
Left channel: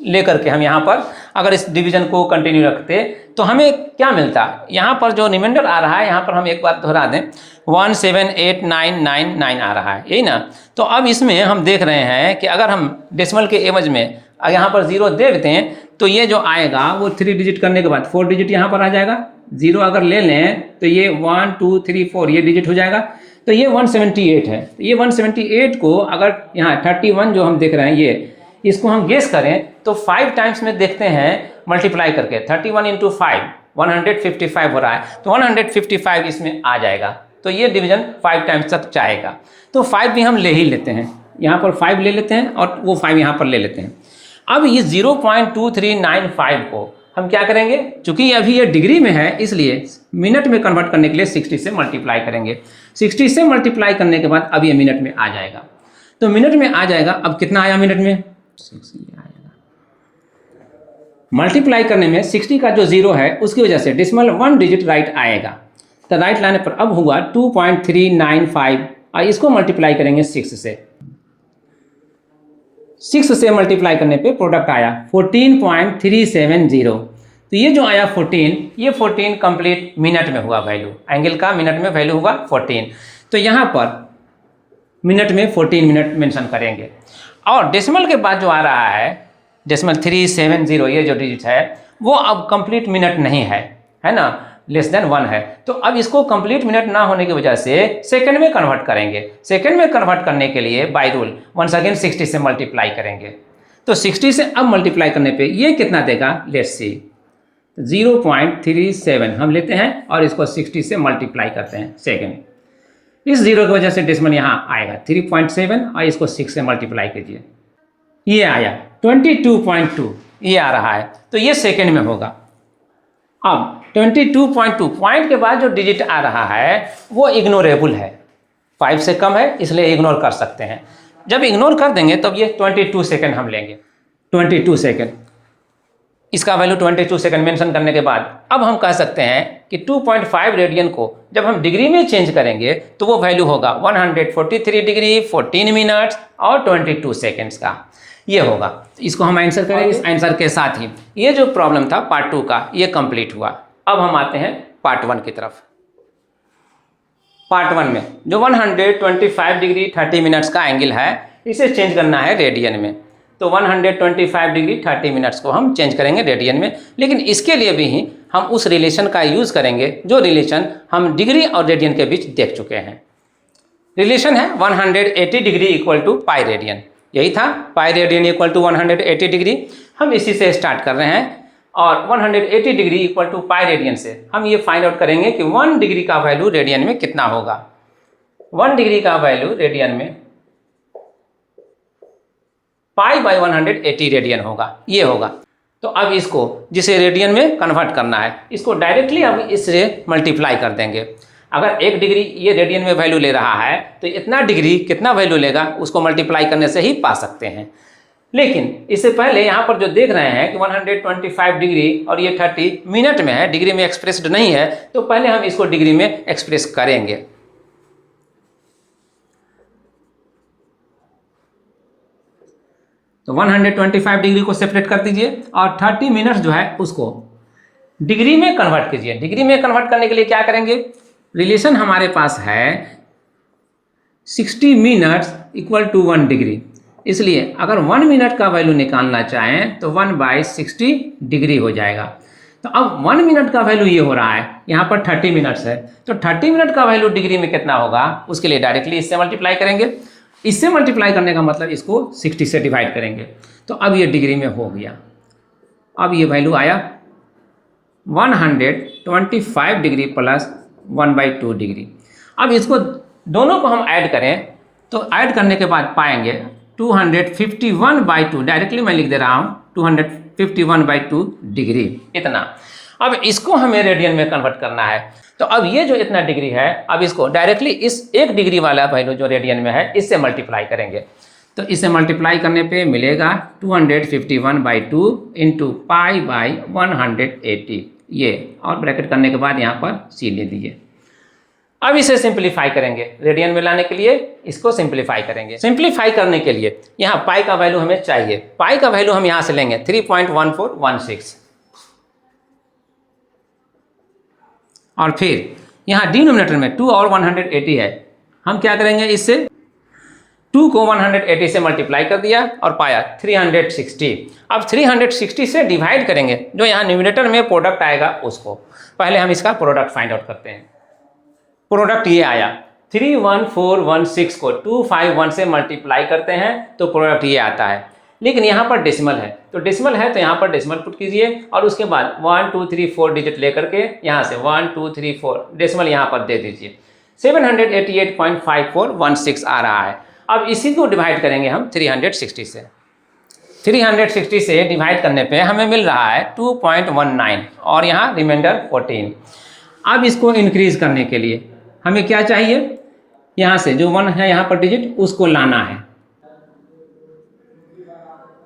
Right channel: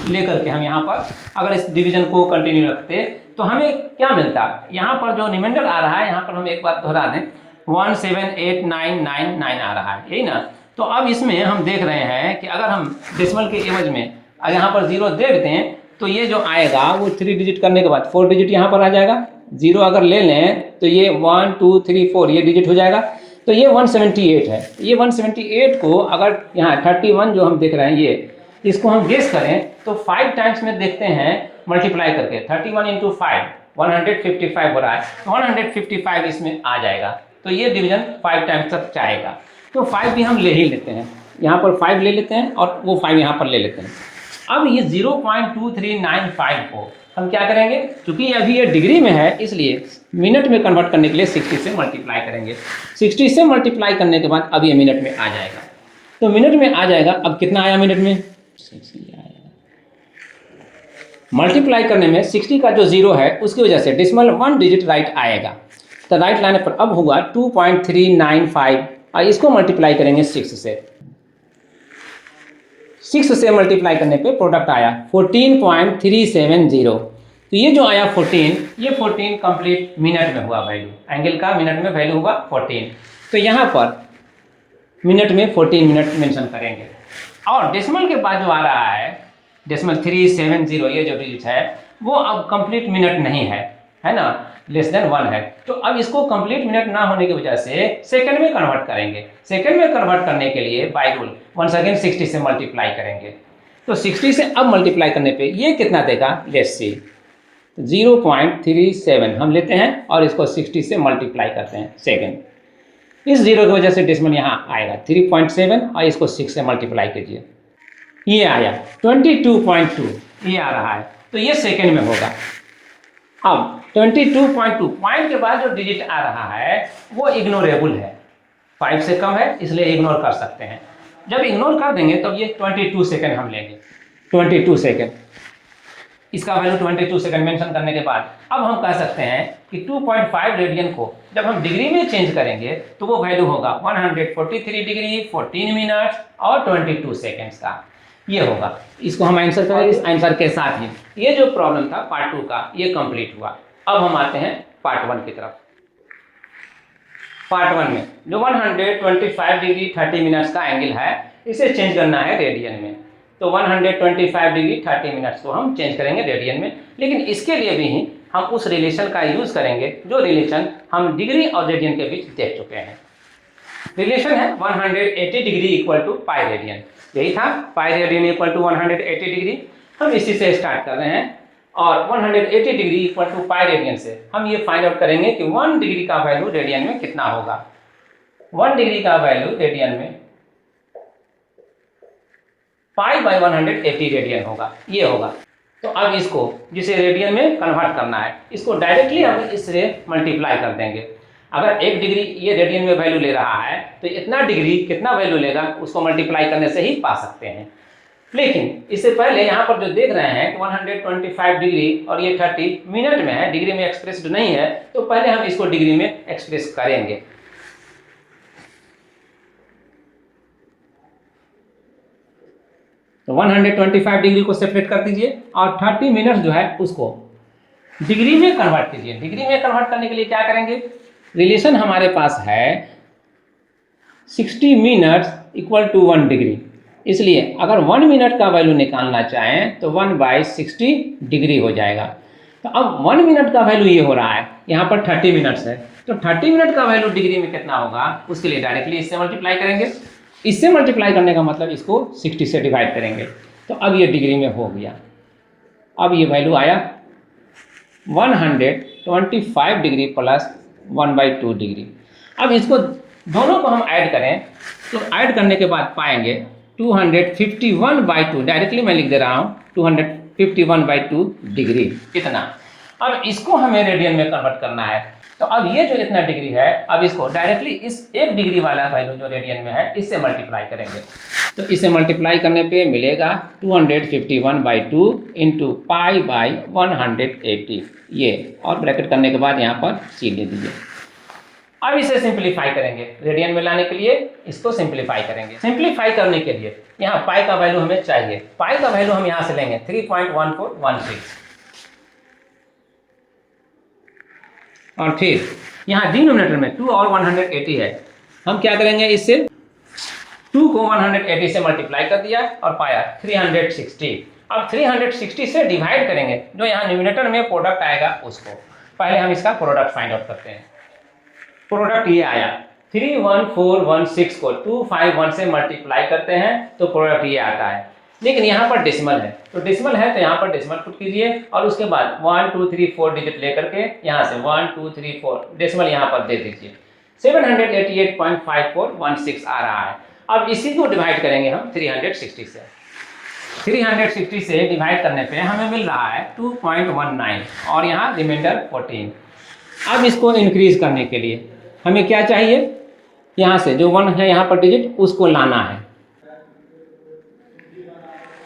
लेकर के हम यहाँ पर अगर इस डिवीजन को कंटिन्यू रखते तो हमें क्या मिलता। यहाँ पर जो रिमाइंडर आ रहा है यहाँ पर हम एक बार दोहरा दें 178999 आ रहा है, यही ना। तो अब इसमें हम देख रहे हैं कि अगर हम डेसिमल के एवज में यहाँ पर 0 दे देते हैं तो ये जो आएगा वो 3 डिजिट करने के बाद 4 डिजिट यहाँ पर आ जाएगा। 0 अगर ले लें तो ये 1 2 3 4 ये डिजिट हो जाएगा। तो ये 178 है। ये 178 को अगर यहाँ 31 जो हम देख रहे हैं ये इसको हम गेस करें तो 5 टाइम्स में देखते हैं मल्टीप्लाई करके 31 इंटू 5 155 हो रहा है, तो 155 इसमें आ जाएगा। तो ये डिवीजन 5 टाइम्स तक जाएगा। तो 5 भी हम ले ही लेते हैं, यहाँ पर 5 ले लेते हैं और वो 5 यहाँ पर ले लेते हैं। अब ये 0.2395 को हम क्या करेंगे, चूँकि अभी ये डिग्री में है इसलिए मिनट में कन्वर्ट करने के लिए 60 से मल्टीप्लाई करेंगे। 60 से मल्टीप्लाई करने के बाद अब ये मिनट में आ जाएगा। तो मिनट में आ जाएगा। अब कितना आया मिनट में 60 आएगा। मल्टीप्लाई करने में 60 का जो 0 है उसकी वजह से डेसिमल 1 डिजिट राइट आएगा। तो राइट लाने पर अब हुआ 2.395 और इसको मल्टीप्लाई करेंगे 6 से। 6 से मल्टीप्लाई करने पे प्रोडक्ट आया 14.370। तो ये जो आया 14, ये 14 कंप्लीट मिनट में हुआ वैल्यू, एंगल का मिनट में वैल्यू हुआ 14। तो यहाँ पर मिनट में 14 मिनट मेंशन करेंगे। और डेसिमल के बाद जो आ रहा है डेसिमल 370 ये जो डिजिट है वो अब कंप्लीट मिनट नहीं है, है ना, लेस देन 1 है। तो अब इसको कंप्लीट मिनट ना होने की वजह से सेकंड में कन्वर्ट करेंगे। सेकंड में कन्वर्ट करने के लिए बाय रूल वंस अगेन 60 से मल्टीप्लाई करेंगे। तो 60 से अब मल्टीप्लाई करने पे ये कितना देगा, लेट्स सी 0.37 हम लेते हैं और इसको 60 से मल्टीप्लाई करते हैं सेकेंड। इस जीरो की वजह से डेसिमल यहाँ आएगा 3.7 और इसको 6 से मल्टीप्लाई कीजिए, ये आया 22.2, ये आ रहा है, तो ये सेकेंड में होगा। अब 22.2 पॉइंट के बाद जो डिजिट आ रहा है वो इग्नोरेबल है, 5 से कम है इसलिए इग्नोर कर सकते हैं। जब इग्नोर कर देंगे तब ये 22 सेकेंड हम लेंगे, 22 सेकेंड, इसका वैल्यू 22 सेकेंड मेंशन करने के बाद अब हम कह सकते हैं कि 2.5 रेडियन को जब हम डिग्री में चेंज करेंगे तो वो वैल्यू होगा 143 डिग्री 14 मिनट्स और 22 सेकेंड्स का, ये होगा। इसको हम आंसर करेंगे। इस आंसर के साथ ही ये जो प्रॉब्लम था पार्ट 2 का ये कंप्लीट हुआ। अब हम आते हैं पार्ट 1 की तरफ। पार्ट 1 में जो 125 डिग्री 30 मिनट्स का एंगल है इसे चेंज करना है रेडियन में, तो 125 डिग्री 30 मिनट्स को हम चेंज करेंगे रेडियन में। लेकिन इसके लिए भी ही हम उस रिलेशन का यूज़ करेंगे जो रिलेशन हम डिग्री और रेडियन के बीच देख चुके हैं। रिलेशन है 180 degree equal to pi radian, यही था pi radian equal to 180 degree. हम इसी से स्टार्ट कर रहे हैं और 180 degree equal to pi radian से हम ये फाइंड आउट करेंगे कि 1 डिग्री का वैल्यू रेडियन में कितना होगा। 1 डिग्री का वैल्यू रेडियन में पाई बाई 180 रेडियन होगा, ये होगा। तो अब इसको जिसे रेडियन में कन्वर्ट करना है इसको डायरेक्टली अब इससे मल्टीप्लाई कर देंगे। अगर 1 डिग्री ये रेडियन में वैल्यू ले रहा है तो इतना डिग्री कितना वैल्यू लेगा उसको मल्टीप्लाई करने से ही पा सकते हैं। लेकिन इससे पहले यहाँ पर जो देख रहे हैं कि 125 डिग्री और ये 30 मिनट में है, डिग्री में एक्सप्रेस्ड नहीं है, तो पहले हम इसको डिग्री में एक्सप्रेस करेंगे। तो 125 डिग्री को सेपरेट कर दीजिए और 30 मिनट्स जो है उसको डिग्री में कन्वर्ट कीजिए। डिग्री में कन्वर्ट करने के लिए क्या करेंगे, रिलेशन हमारे पास है 60 मिनट्स इक्वल टू 1 डिग्री, इसलिए अगर 1 मिनट का वैल्यू निकालना चाहें तो 1/60 डिग्री हो जाएगा। तो अब 1 मिनट का वैल्यू ये हो रहा है, यहाँ पर 30 मिनट्स है, तो 30 मिनट का वैल्यू डिग्री में कितना होगा उसके लिए डायरेक्टली इससे मल्टीप्लाई करेंगे। इससे मल्टीप्लाई करने का मतलब इसको 60 से डिवाइड करेंगे, तो अब ये डिग्री में हो गया। अब ये वैल्यू आया 125 डिग्री प्लस 1/2 डिग्री। अब इसको दोनों को हम ऐड करें तो ऐड करने के बाद पाएंगे 251/2, डायरेक्टली मैं लिख दे रहा हूँ 251/2 डिग्री इतना। अब इसको हमें रेडियन में कन्वर्ट करना है, तो अब ये जो इतना डिग्री है अब इसको डायरेक्टली इस 1 डिग्री वाला वैल्यू जो रेडियन में है इससे मल्टीप्लाई करेंगे। तो इसे मल्टीप्लाई करने पे मिलेगा 251/2 इंटू पाई बाई 180, ये, और ब्रैकेट करने के बाद यहाँ पर सी ले दीजिए। अब इसे सिंप्लीफाई करेंगे, रेडियन में लाने के लिए इसको सिंप्लीफाई करेंगे। सिंप्लीफाई करने के लिए यहाँ पाई का वैल्यू हमें चाहिए, पाई का वैल्यू हम यहाँ से लेंगे 3.1416, और फिर यहाँ डिनोमिनेटर में 2 और 180 है, हम क्या करेंगे, इससे 2 को 180 से मल्टीप्लाई कर दिया और पाया 360। अब 360 से डिवाइड करेंगे, जो यहाँ न्यूमिनेटर में प्रोडक्ट आएगा उसको। पहले हम इसका प्रोडक्ट फाइंड आउट करते हैं। प्रोडक्ट ये आया 31416 को 251 से मल्टीप्लाई करते हैं तो प्रोडक्ट ये आता है। लेकिन यहाँ पर डेसिमल है, तो डेसिमल है तो यहाँ पर डेसिमल पुट कीजिए और उसके बाद 1 2 3 4 डिजिट लेकर के यहाँ से 1 2 3 4 डेसिमल यहाँ पर दे दीजिए। 788.5416 आ रहा है। अब इसी को डिवाइड करेंगे हम 360 से। 360 से डिवाइड करने पे हमें मिल रहा है 2.19 और यहाँ रिमाइंडर 14। अब इसको इंक्रीज करने के लिए हमें क्या चाहिए, यहाँ से जो 1 है यहाँ पर डिजिट उसको लाना है,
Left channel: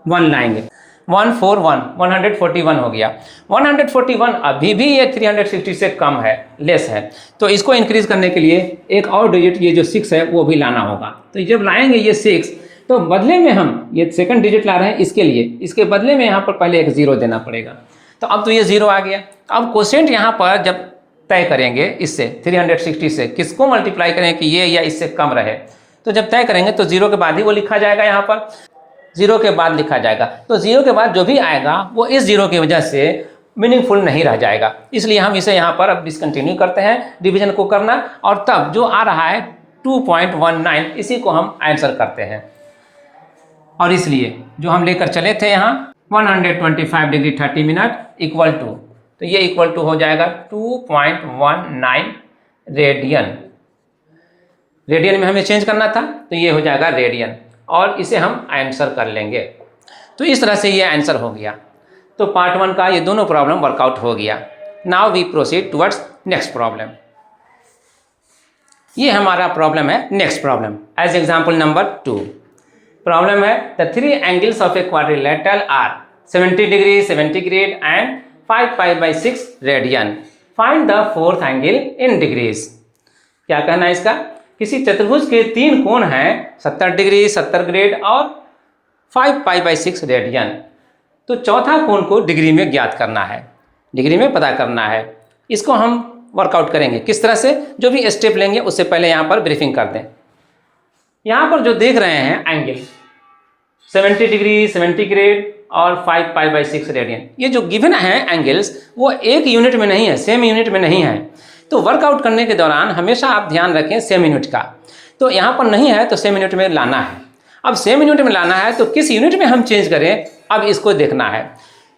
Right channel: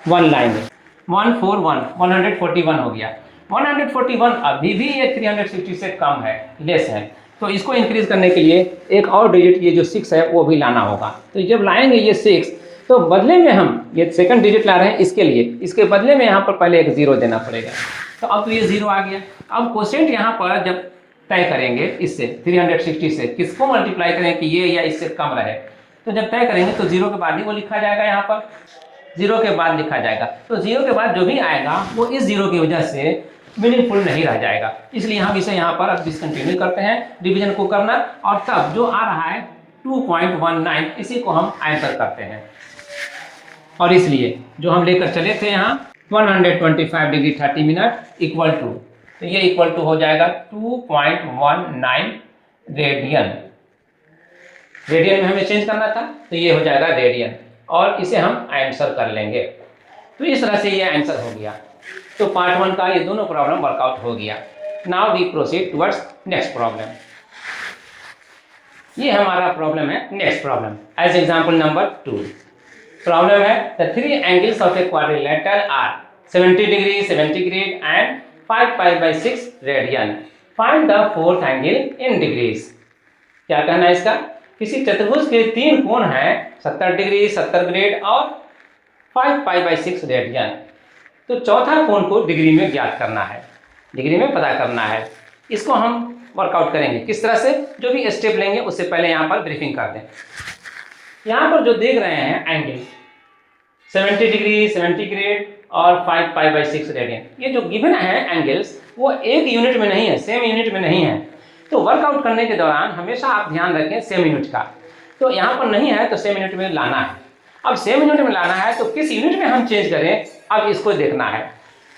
1 लाएंगे। 141 हो गया। 141 अभी भी ये 360 से कम है, लेस है, तो इसको इंक्रीज करने के लिए एक और डिजिट ये जो 6 है वो भी लाना होगा। तो जब लाएंगे ये 6 तो बदले में हम ये सेकंड डिजिट ला रहे हैं इसके लिए, इसके बदले में यहाँ पर पहले एक 0 देना पड़ेगा। तो अब तो ये 0 आ गया। अब क्वोशिएंट यहाँ पर जब तय करेंगे इससे 360 से किसको मल्टीप्लाई करें कि ये या इससे कम रहे, तो जब तय करेंगे तो 0 के बाद ही वो लिखा जाएगा, यहाँ पर 0 के बाद लिखा जाएगा। तो 0 के बाद जो भी आएगा वो इस 0 की वजह से मीनिंगफुल नहीं रह जाएगा, इसलिए हम इसे यहाँ पर अब डिसकंटिन्यू करते हैं डिवीजन को करना, और तब जो आ रहा है 2.19 इसी को हम आंसर करते हैं। और इसलिए जो हम लेकर चले थे यहाँ 125 डिग्री 30 मिनट इक्वल टू, तो ये इक्वल टू हो जाएगा 2.19 रेडियन। रेडियन में हमें चेंज करना था, तो ये हो जाएगा रेडियन, और इसे हम आंसर कर लेंगे। तो इस तरह से ये आंसर हो गया। तो पार्ट 1 का ये दोनों प्रॉब्लम वर्कआउट हो गया। Now we proceed towards next problem. ये हमारा प्रॉब्लम है next problem. As example number 2 problem है the three angles of a quadrilateral are 70 degree, 70 grade and 5 π/6 radian. Find the fourth angle in degrees. क्या कहना है इसका? किसी चतुर्भुज के 3 कोण हैं 70 डिग्री, 70 ग्रेड और 5 π/6 रेडियन। तो चौथा कोण को डिग्री में ज्ञात करना है, डिग्री में पता करना है। इसको हम वर्कआउट करेंगे किस तरह से, जो भी स्टेप लेंगे उससे पहले यहाँ पर ब्रीफिंग कर दें। यहाँ पर जो देख रहे हैं एंगल 70 डिग्री, 70 ग्रेड और 5 π/6 रेडियन, ये जो गिवन है एंगल्स वो एक यूनिट में नहीं है, सेम यूनिट में नहीं है। तो वर्कआउट करने के दौरान हमेशा आप ध्यान रखें सेम यूनिट का। तो यहाँ पर नहीं है तो सेम यूनिट में लाना है। अब सेम यूनिट में लाना है तो किस यूनिट में हम चेंज करें, अब इसको देखना है।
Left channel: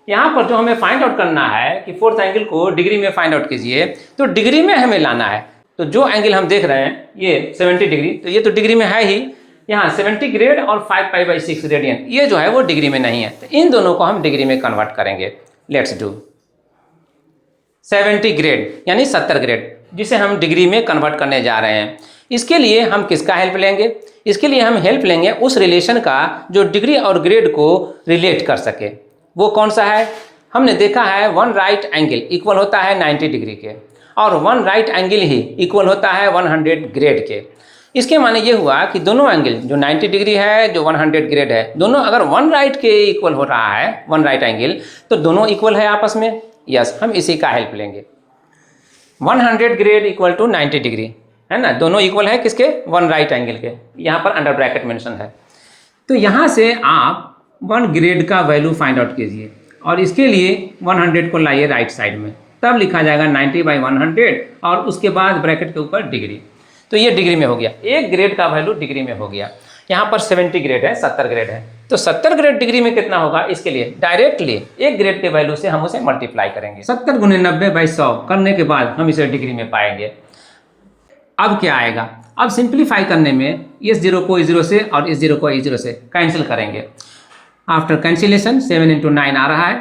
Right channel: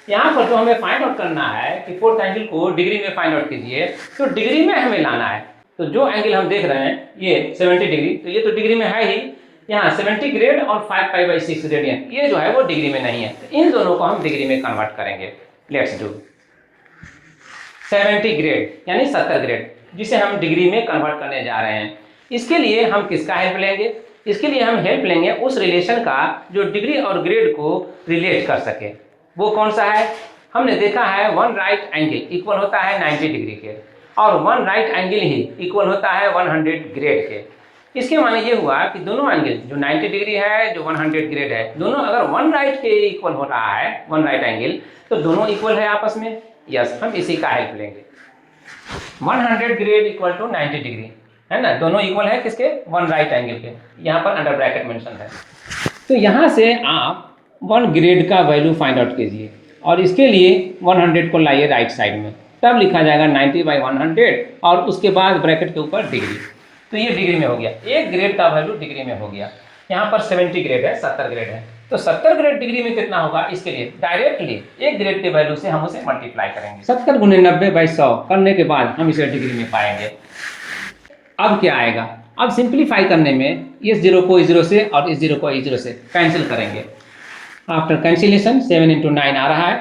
यहाँ पर जो हमें फाइंड आउट करना है कि फोर्थ एंगल को डिग्री में फाइंड आउट कीजिए, तो डिग्री में हमें लाना है। तो जो एंगल हम देख रहे हैं ये 70 डिग्री, तो ये तो डिग्री में है ही। यहाँ 70 ग्रेड और 5 π/6 रेडियन, ये जो है वो डिग्री में नहीं है। तो इन दोनों को हम डिग्री में कन्वर्ट करेंगे। लेट्स डू 70 ग्रेड यानी 70 ग्रेड, जिसे हम डिग्री में कन्वर्ट करने जा रहे हैं। इसके लिए हम किसका हेल्प लेंगे? इसके लिए हम हेल्प लेंगे उस रिलेशन का जो डिग्री और ग्रेड को रिलेट कर सके। वो कौन सा है? हमने देखा है वन राइट एंगल इक्वल होता है 90 डिग्री के, और वन राइट एंगल ही इक्वल होता है 100 ग्रेड के। इसके माने ये हुआ कि दोनों एंगल जो 90 डिग्री है, जो 100 ग्रेड है, दोनों अगर वन राइट के इक्वल हो रहा है, वन राइट एंगल, तो दोनों इक्वल है आपस में। यस, हम इसी का हेल्प लेंगे। 100 ग्रेड इक्वल टू 90 डिग्री है ना, दोनों इक्वल है किसके? वन राइट एंगल के। यहाँ पर अंडर ब्रैकेट मेंशन है। तो यहाँ से आप 1 ग्रेड का वैल्यू फाइंड आउट कीजिए, और इसके लिए 100 को लाइए राइट साइड में, तब लिखा जाएगा 90/100 और उसके बाद ब्रैकेट के ऊपर डिग्री। तो ये डिग्री में हो गया, 1 ग्रेड का वैल्यू डिग्री में हो गया। यहाँ पर 70 ग्रेड है, 70 ग्रेड है, तो 70 ग्रेड डिग्री में कितना होगा? इसके लिए डायरेक्टली 1 ग्रेड के वैल्यू से हम उसे मल्टीप्लाई करेंगे। 70 × 90/100 करने के बाद हम इसे डिग्री में पाएंगे। अब क्या आएगा? अब सिंप्लीफाई करने में इस 0 को इस 0 से और इस 0 को इस 0 से कैंसिल करेंगे। आफ्टर कैंसिलेशन 7 × 9 आ रहा है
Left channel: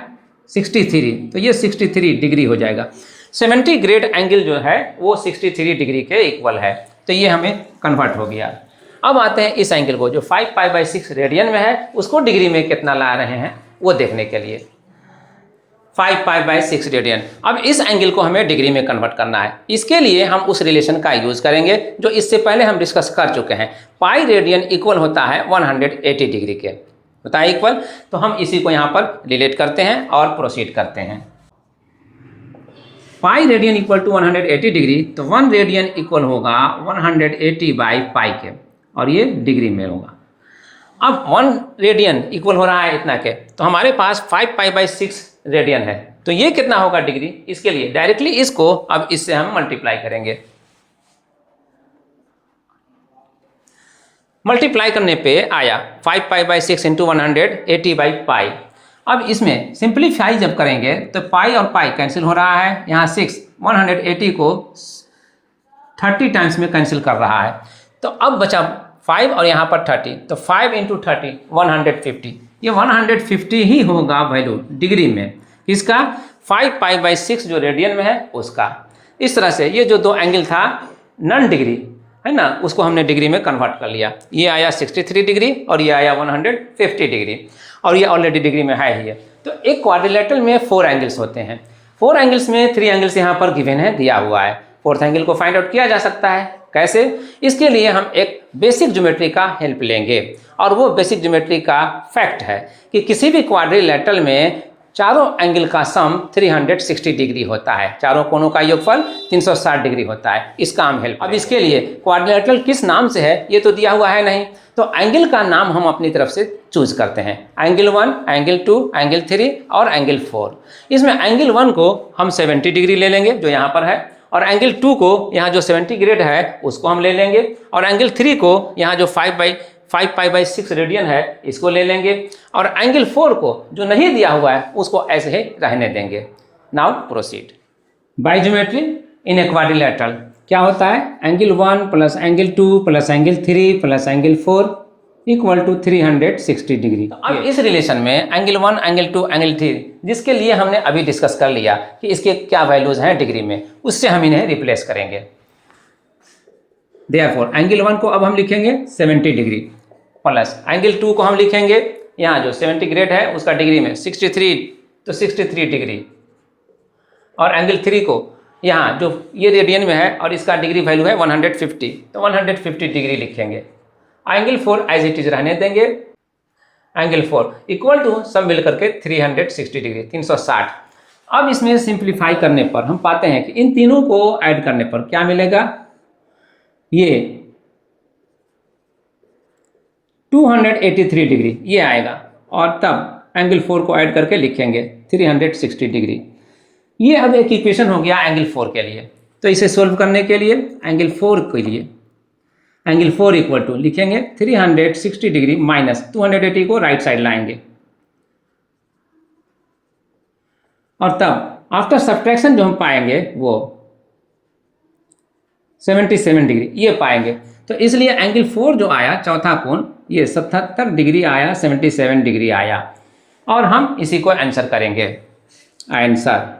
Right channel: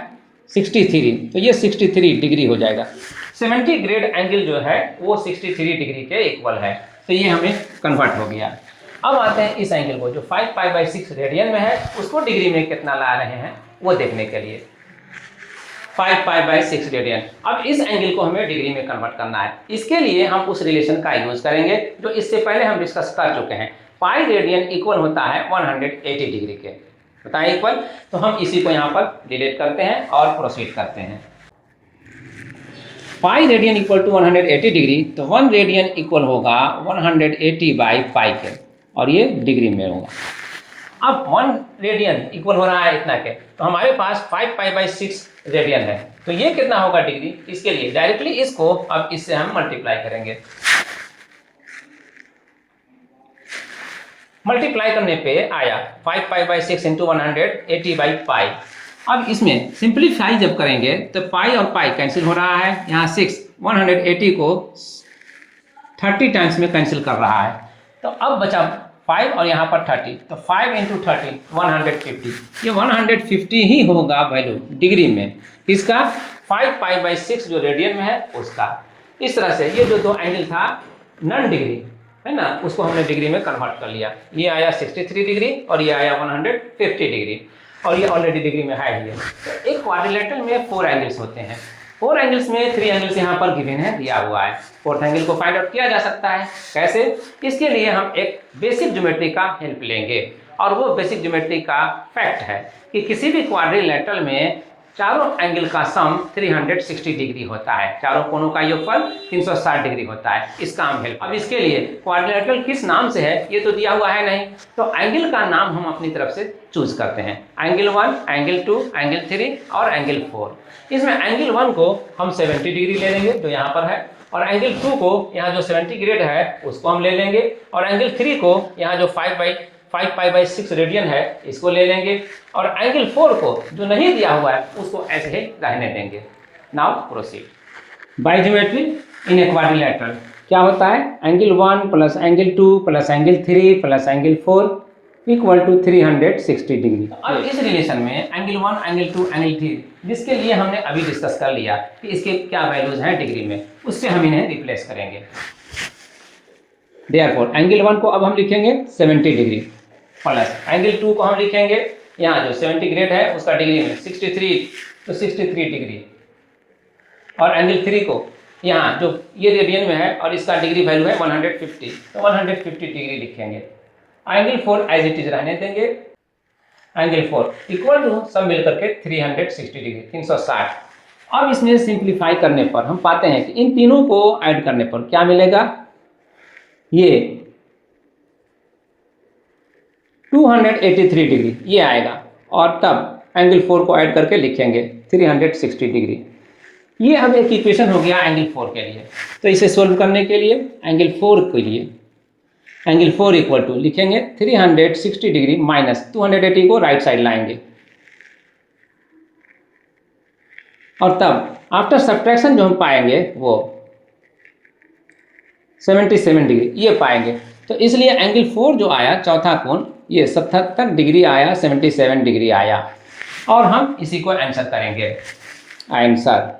63, तो ये 63 डिग्री हो जाएगा। 70 ग्रेड एंगल जो है वो 63 डिग्री के इक्वल है, तो ये हमें कन्वर्ट हो गया। अब आते हैं इस एंगल को जो 5 π/6 रेडियन में है, उसको डिग्री में कितना ला रहे हैं वो देखने के लिए। 5 π/6 रेडियन। अब इस एंगल को हमें डिग्री में कन्वर्ट करना है। इसके लिए हम उस रिलेशन का यूज़ करेंगे जो इससे पहले हम डिस्कस कर चुके हैं। पाई रेडियन इक्वल होता है 180 डिग्री के, होता है इक्वल। तो हम इसी को यहाँ पर रिलेट करते हैं और प्रोसीड करते हैं। Pi radian equal to 180 degree, तो 1 रेडियन इक्वल होगा 180/पाई के, और ये डिग्री में होगा। अब 1 रेडियन इक्वल हो रहा है इतना के, तो हमारे पास 5 π/6 रेडियन है, तो ये कितना होगा डिग्री? इसके लिए डायरेक्टली इसको अब इससे हम मल्टीप्लाई करेंगे। मल्टीप्लाई करने पे आया 5 π/6 × 180/पाई। अब इसमें सिंप्लीफाई जब करेंगे तो पाई और पाई कैंसिल हो रहा है। यहाँ 6 180 को 30 टाइम्स में कैंसिल कर रहा है, तो अब बचा 5 और यहाँ पर 30, तो 5 × 30 150। ये 150 ही होगा वैल्यू डिग्री में, किसका? 5 π/6 जो रेडियन में है उसका। इस तरह से ये जो 2 एंगल था नॉन डिग्री है ना, उसको हमने डिग्री में कन्वर्ट कर लिया। ये आया 63 डिग्री और ये आया 150 डिग्री, और ये ऑलरेडी डिग्री में है ही है। तो एक क्वाड्रिलेटरल में 4 एंगल्स होते हैं। 4 एंगल्स में 3 एंगल्स यहाँ पर गिवन है, दिया हुआ है। फोर्थ एंगल को फाइंड आउट किया जा सकता है। कैसे? इसके लिए हम एक बेसिक ज्योमेट्री का हेल्प लेंगे, और वो बेसिक ज्योमेट्री का फैक्ट है कि किसी भी क्वाड्रिलेटरल में चारों एंगल का सम 360 डिग्री होता है। चारों कोनों का योगफल 360 डिग्री होता है। इसका हम हेल्प। अब इसके लिए क्वाड्रिलेटरल किस नाम से है ये तो दिया हुआ है नहीं, तो एंगल का नाम हम अपनी तरफ से चूज करते हैं। एंगल 1, एंगल 2, एंगल 3 और एंगल 4। इसमें एंगल 1 को हम 70 डिग्री ले लेंगे जो यहाँ पर है, और एंगल 2 को यहाँ जो 70 ग्रेड है उसको हम ले लेंगे, और एंगल 3 को यहाँ जो 5 पाई बाई 6 रेडियन है इसको ले लेंगे और एंगल 4 को जो नहीं दिया हुआ है उसको ऐसे ही रहने देंगे। Now proceed. By geometry in a quadrilateral क्या होता है, angle 1 plus angle 2 plus angle 3 plus angle 4 equal to 360 degree. अब इस रिलेशन में एंगल 1 एंगल 2 एंगल 3 जिसके लिए हमने अभी डिस्कस कर लिया कि इसके क्या वैल्यूज हैं डिग्री में, उससे हम इन्हें रिप्लेस करेंगे। देयरफॉर एंगल 1 को अब हम लिखेंगे 70 डिग्री प्लस एंगल 2 को हम लिखेंगे यहाँ जो सेंटीग्रेड है उसका डिग्री में 63 तो 63 डिग्री, और एंगल 3 को यहाँ जो ये रेडियन में है और इसका डिग्री वैल्यू है 150 तो 150 डिग्री लिखेंगे। एंगल 4 एज इट इज रहने देंगे। एंगल 4 इक्वल टू सब मिल करके 360 डिग्री 360। अब इसमें सिंप्लीफाई करने पर हम पाते हैं कि इन तीनों को ऐड करने पर क्या मिलेगा, ये 283 डिग्री ये आएगा, और तब एंगल 4 को ऐड करके लिखेंगे 360 डिग्री। ये अब एक इक्वेशन हो गया एंगल 4 के लिए। तो इसे सोल्व करने के लिए एंगल 4 के लिए एंगल 4 इक्वल टू लिखेंगे 360 डिग्री माइनस 280 को राइट साइड लाएंगे, और तब आफ्टर सब्ट्रैक्शन जो हम पाएंगे वो 77 डिग्री ये पाएंगे। तो इसलिए एंगल 4 जो आया चौथा कोण ये 77 डिग्री आया, 77 डिग्री आया, और हम इसी को आंसर करेंगे। आंसर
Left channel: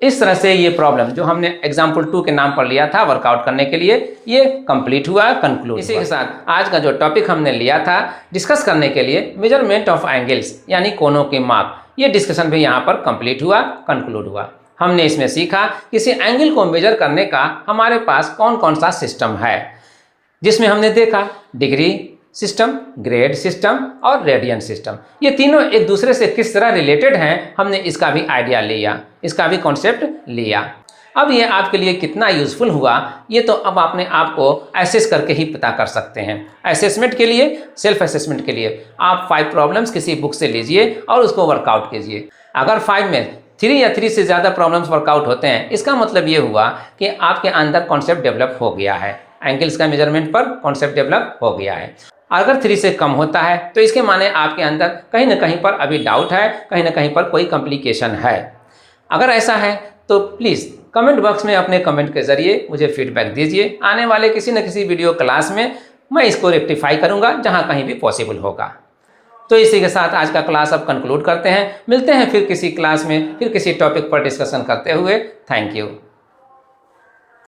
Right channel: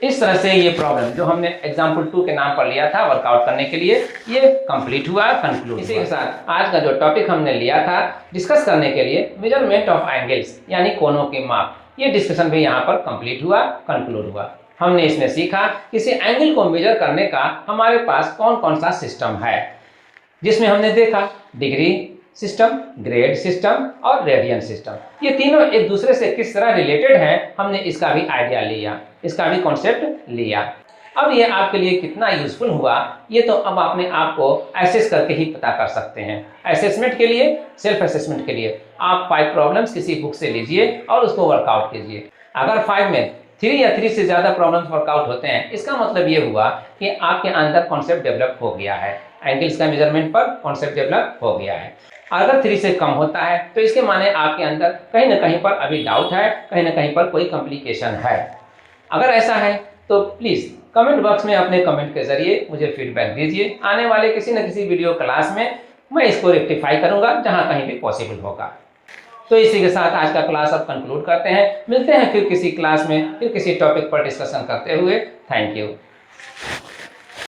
इस तरह से ये प्रॉब्लम जो हमने एग्जाम्पल 2 के नाम पर लिया था वर्कआउट करने के लिए ये कंप्लीट हुआ, कंक्लूड। इसी के साथ आज का जो टॉपिक हमने लिया था डिस्कस करने के लिए मेजरमेंट ऑफ एंगल्स यानी कोणों के माप, ये डिस्कशन भी यहाँ पर कंप्लीट हुआ, कंक्लूड हुआ। हमने इसमें सीखा किसी एंगल को मेजर करने का हमारे पास कौन कौन सा सिस्टम है, जिसमें हमने देखा डिग्री सिस्टम, ग्रेड सिस्टम और रेडियन सिस्टम। ये तीनों एक दूसरे से किस तरह रिलेटेड हैं हमने इसका भी आइडिया लिया, इसका भी कॉन्सेप्ट लिया। अब ये आपके लिए कितना यूज़फुल हुआ ये तो अब अपने आप को एसेस करके ही पता कर सकते हैं। असेसमेंट के लिए, सेल्फ असेसमेंट के लिए आप 5 प्रॉब्लम्स किसी बुक से लीजिए और उसको वर्कआउट कीजिए। अगर 5 में 3 या 3 से ज़्यादा प्रॉब्लम्स वर्कआउट होते हैं इसका मतलब ये हुआ कि आपके अंदर कॉन्सेप्ट डेवलप हो गया है, एंगल्स का मेजरमेंट पर कॉन्सेप्ट डेवलप हो गया है। अगर 3 से कम होता है तो इसके माने आपके अंदर कहीं ना कहीं पर अभी डाउट है, कहीं ना कहीं पर कोई कॉम्प्लिकेशन है। अगर ऐसा है तो प्लीज़ कमेंट बॉक्स में अपने कमेंट के ज़रिए मुझे फीडबैक दीजिए। आने वाले किसी न किसी वीडियो क्लास में मैं इसको रेक्टिफाई करूँगा जहाँ कहीं भी पॉसिबल होगा। तो इसी के साथ आज का क्लास अब कंक्लूड करते हैं। मिलते हैं फिर किसी क्लास में, फिर किसी टॉपिक पर डिस्कशन करते हुए। Thank you.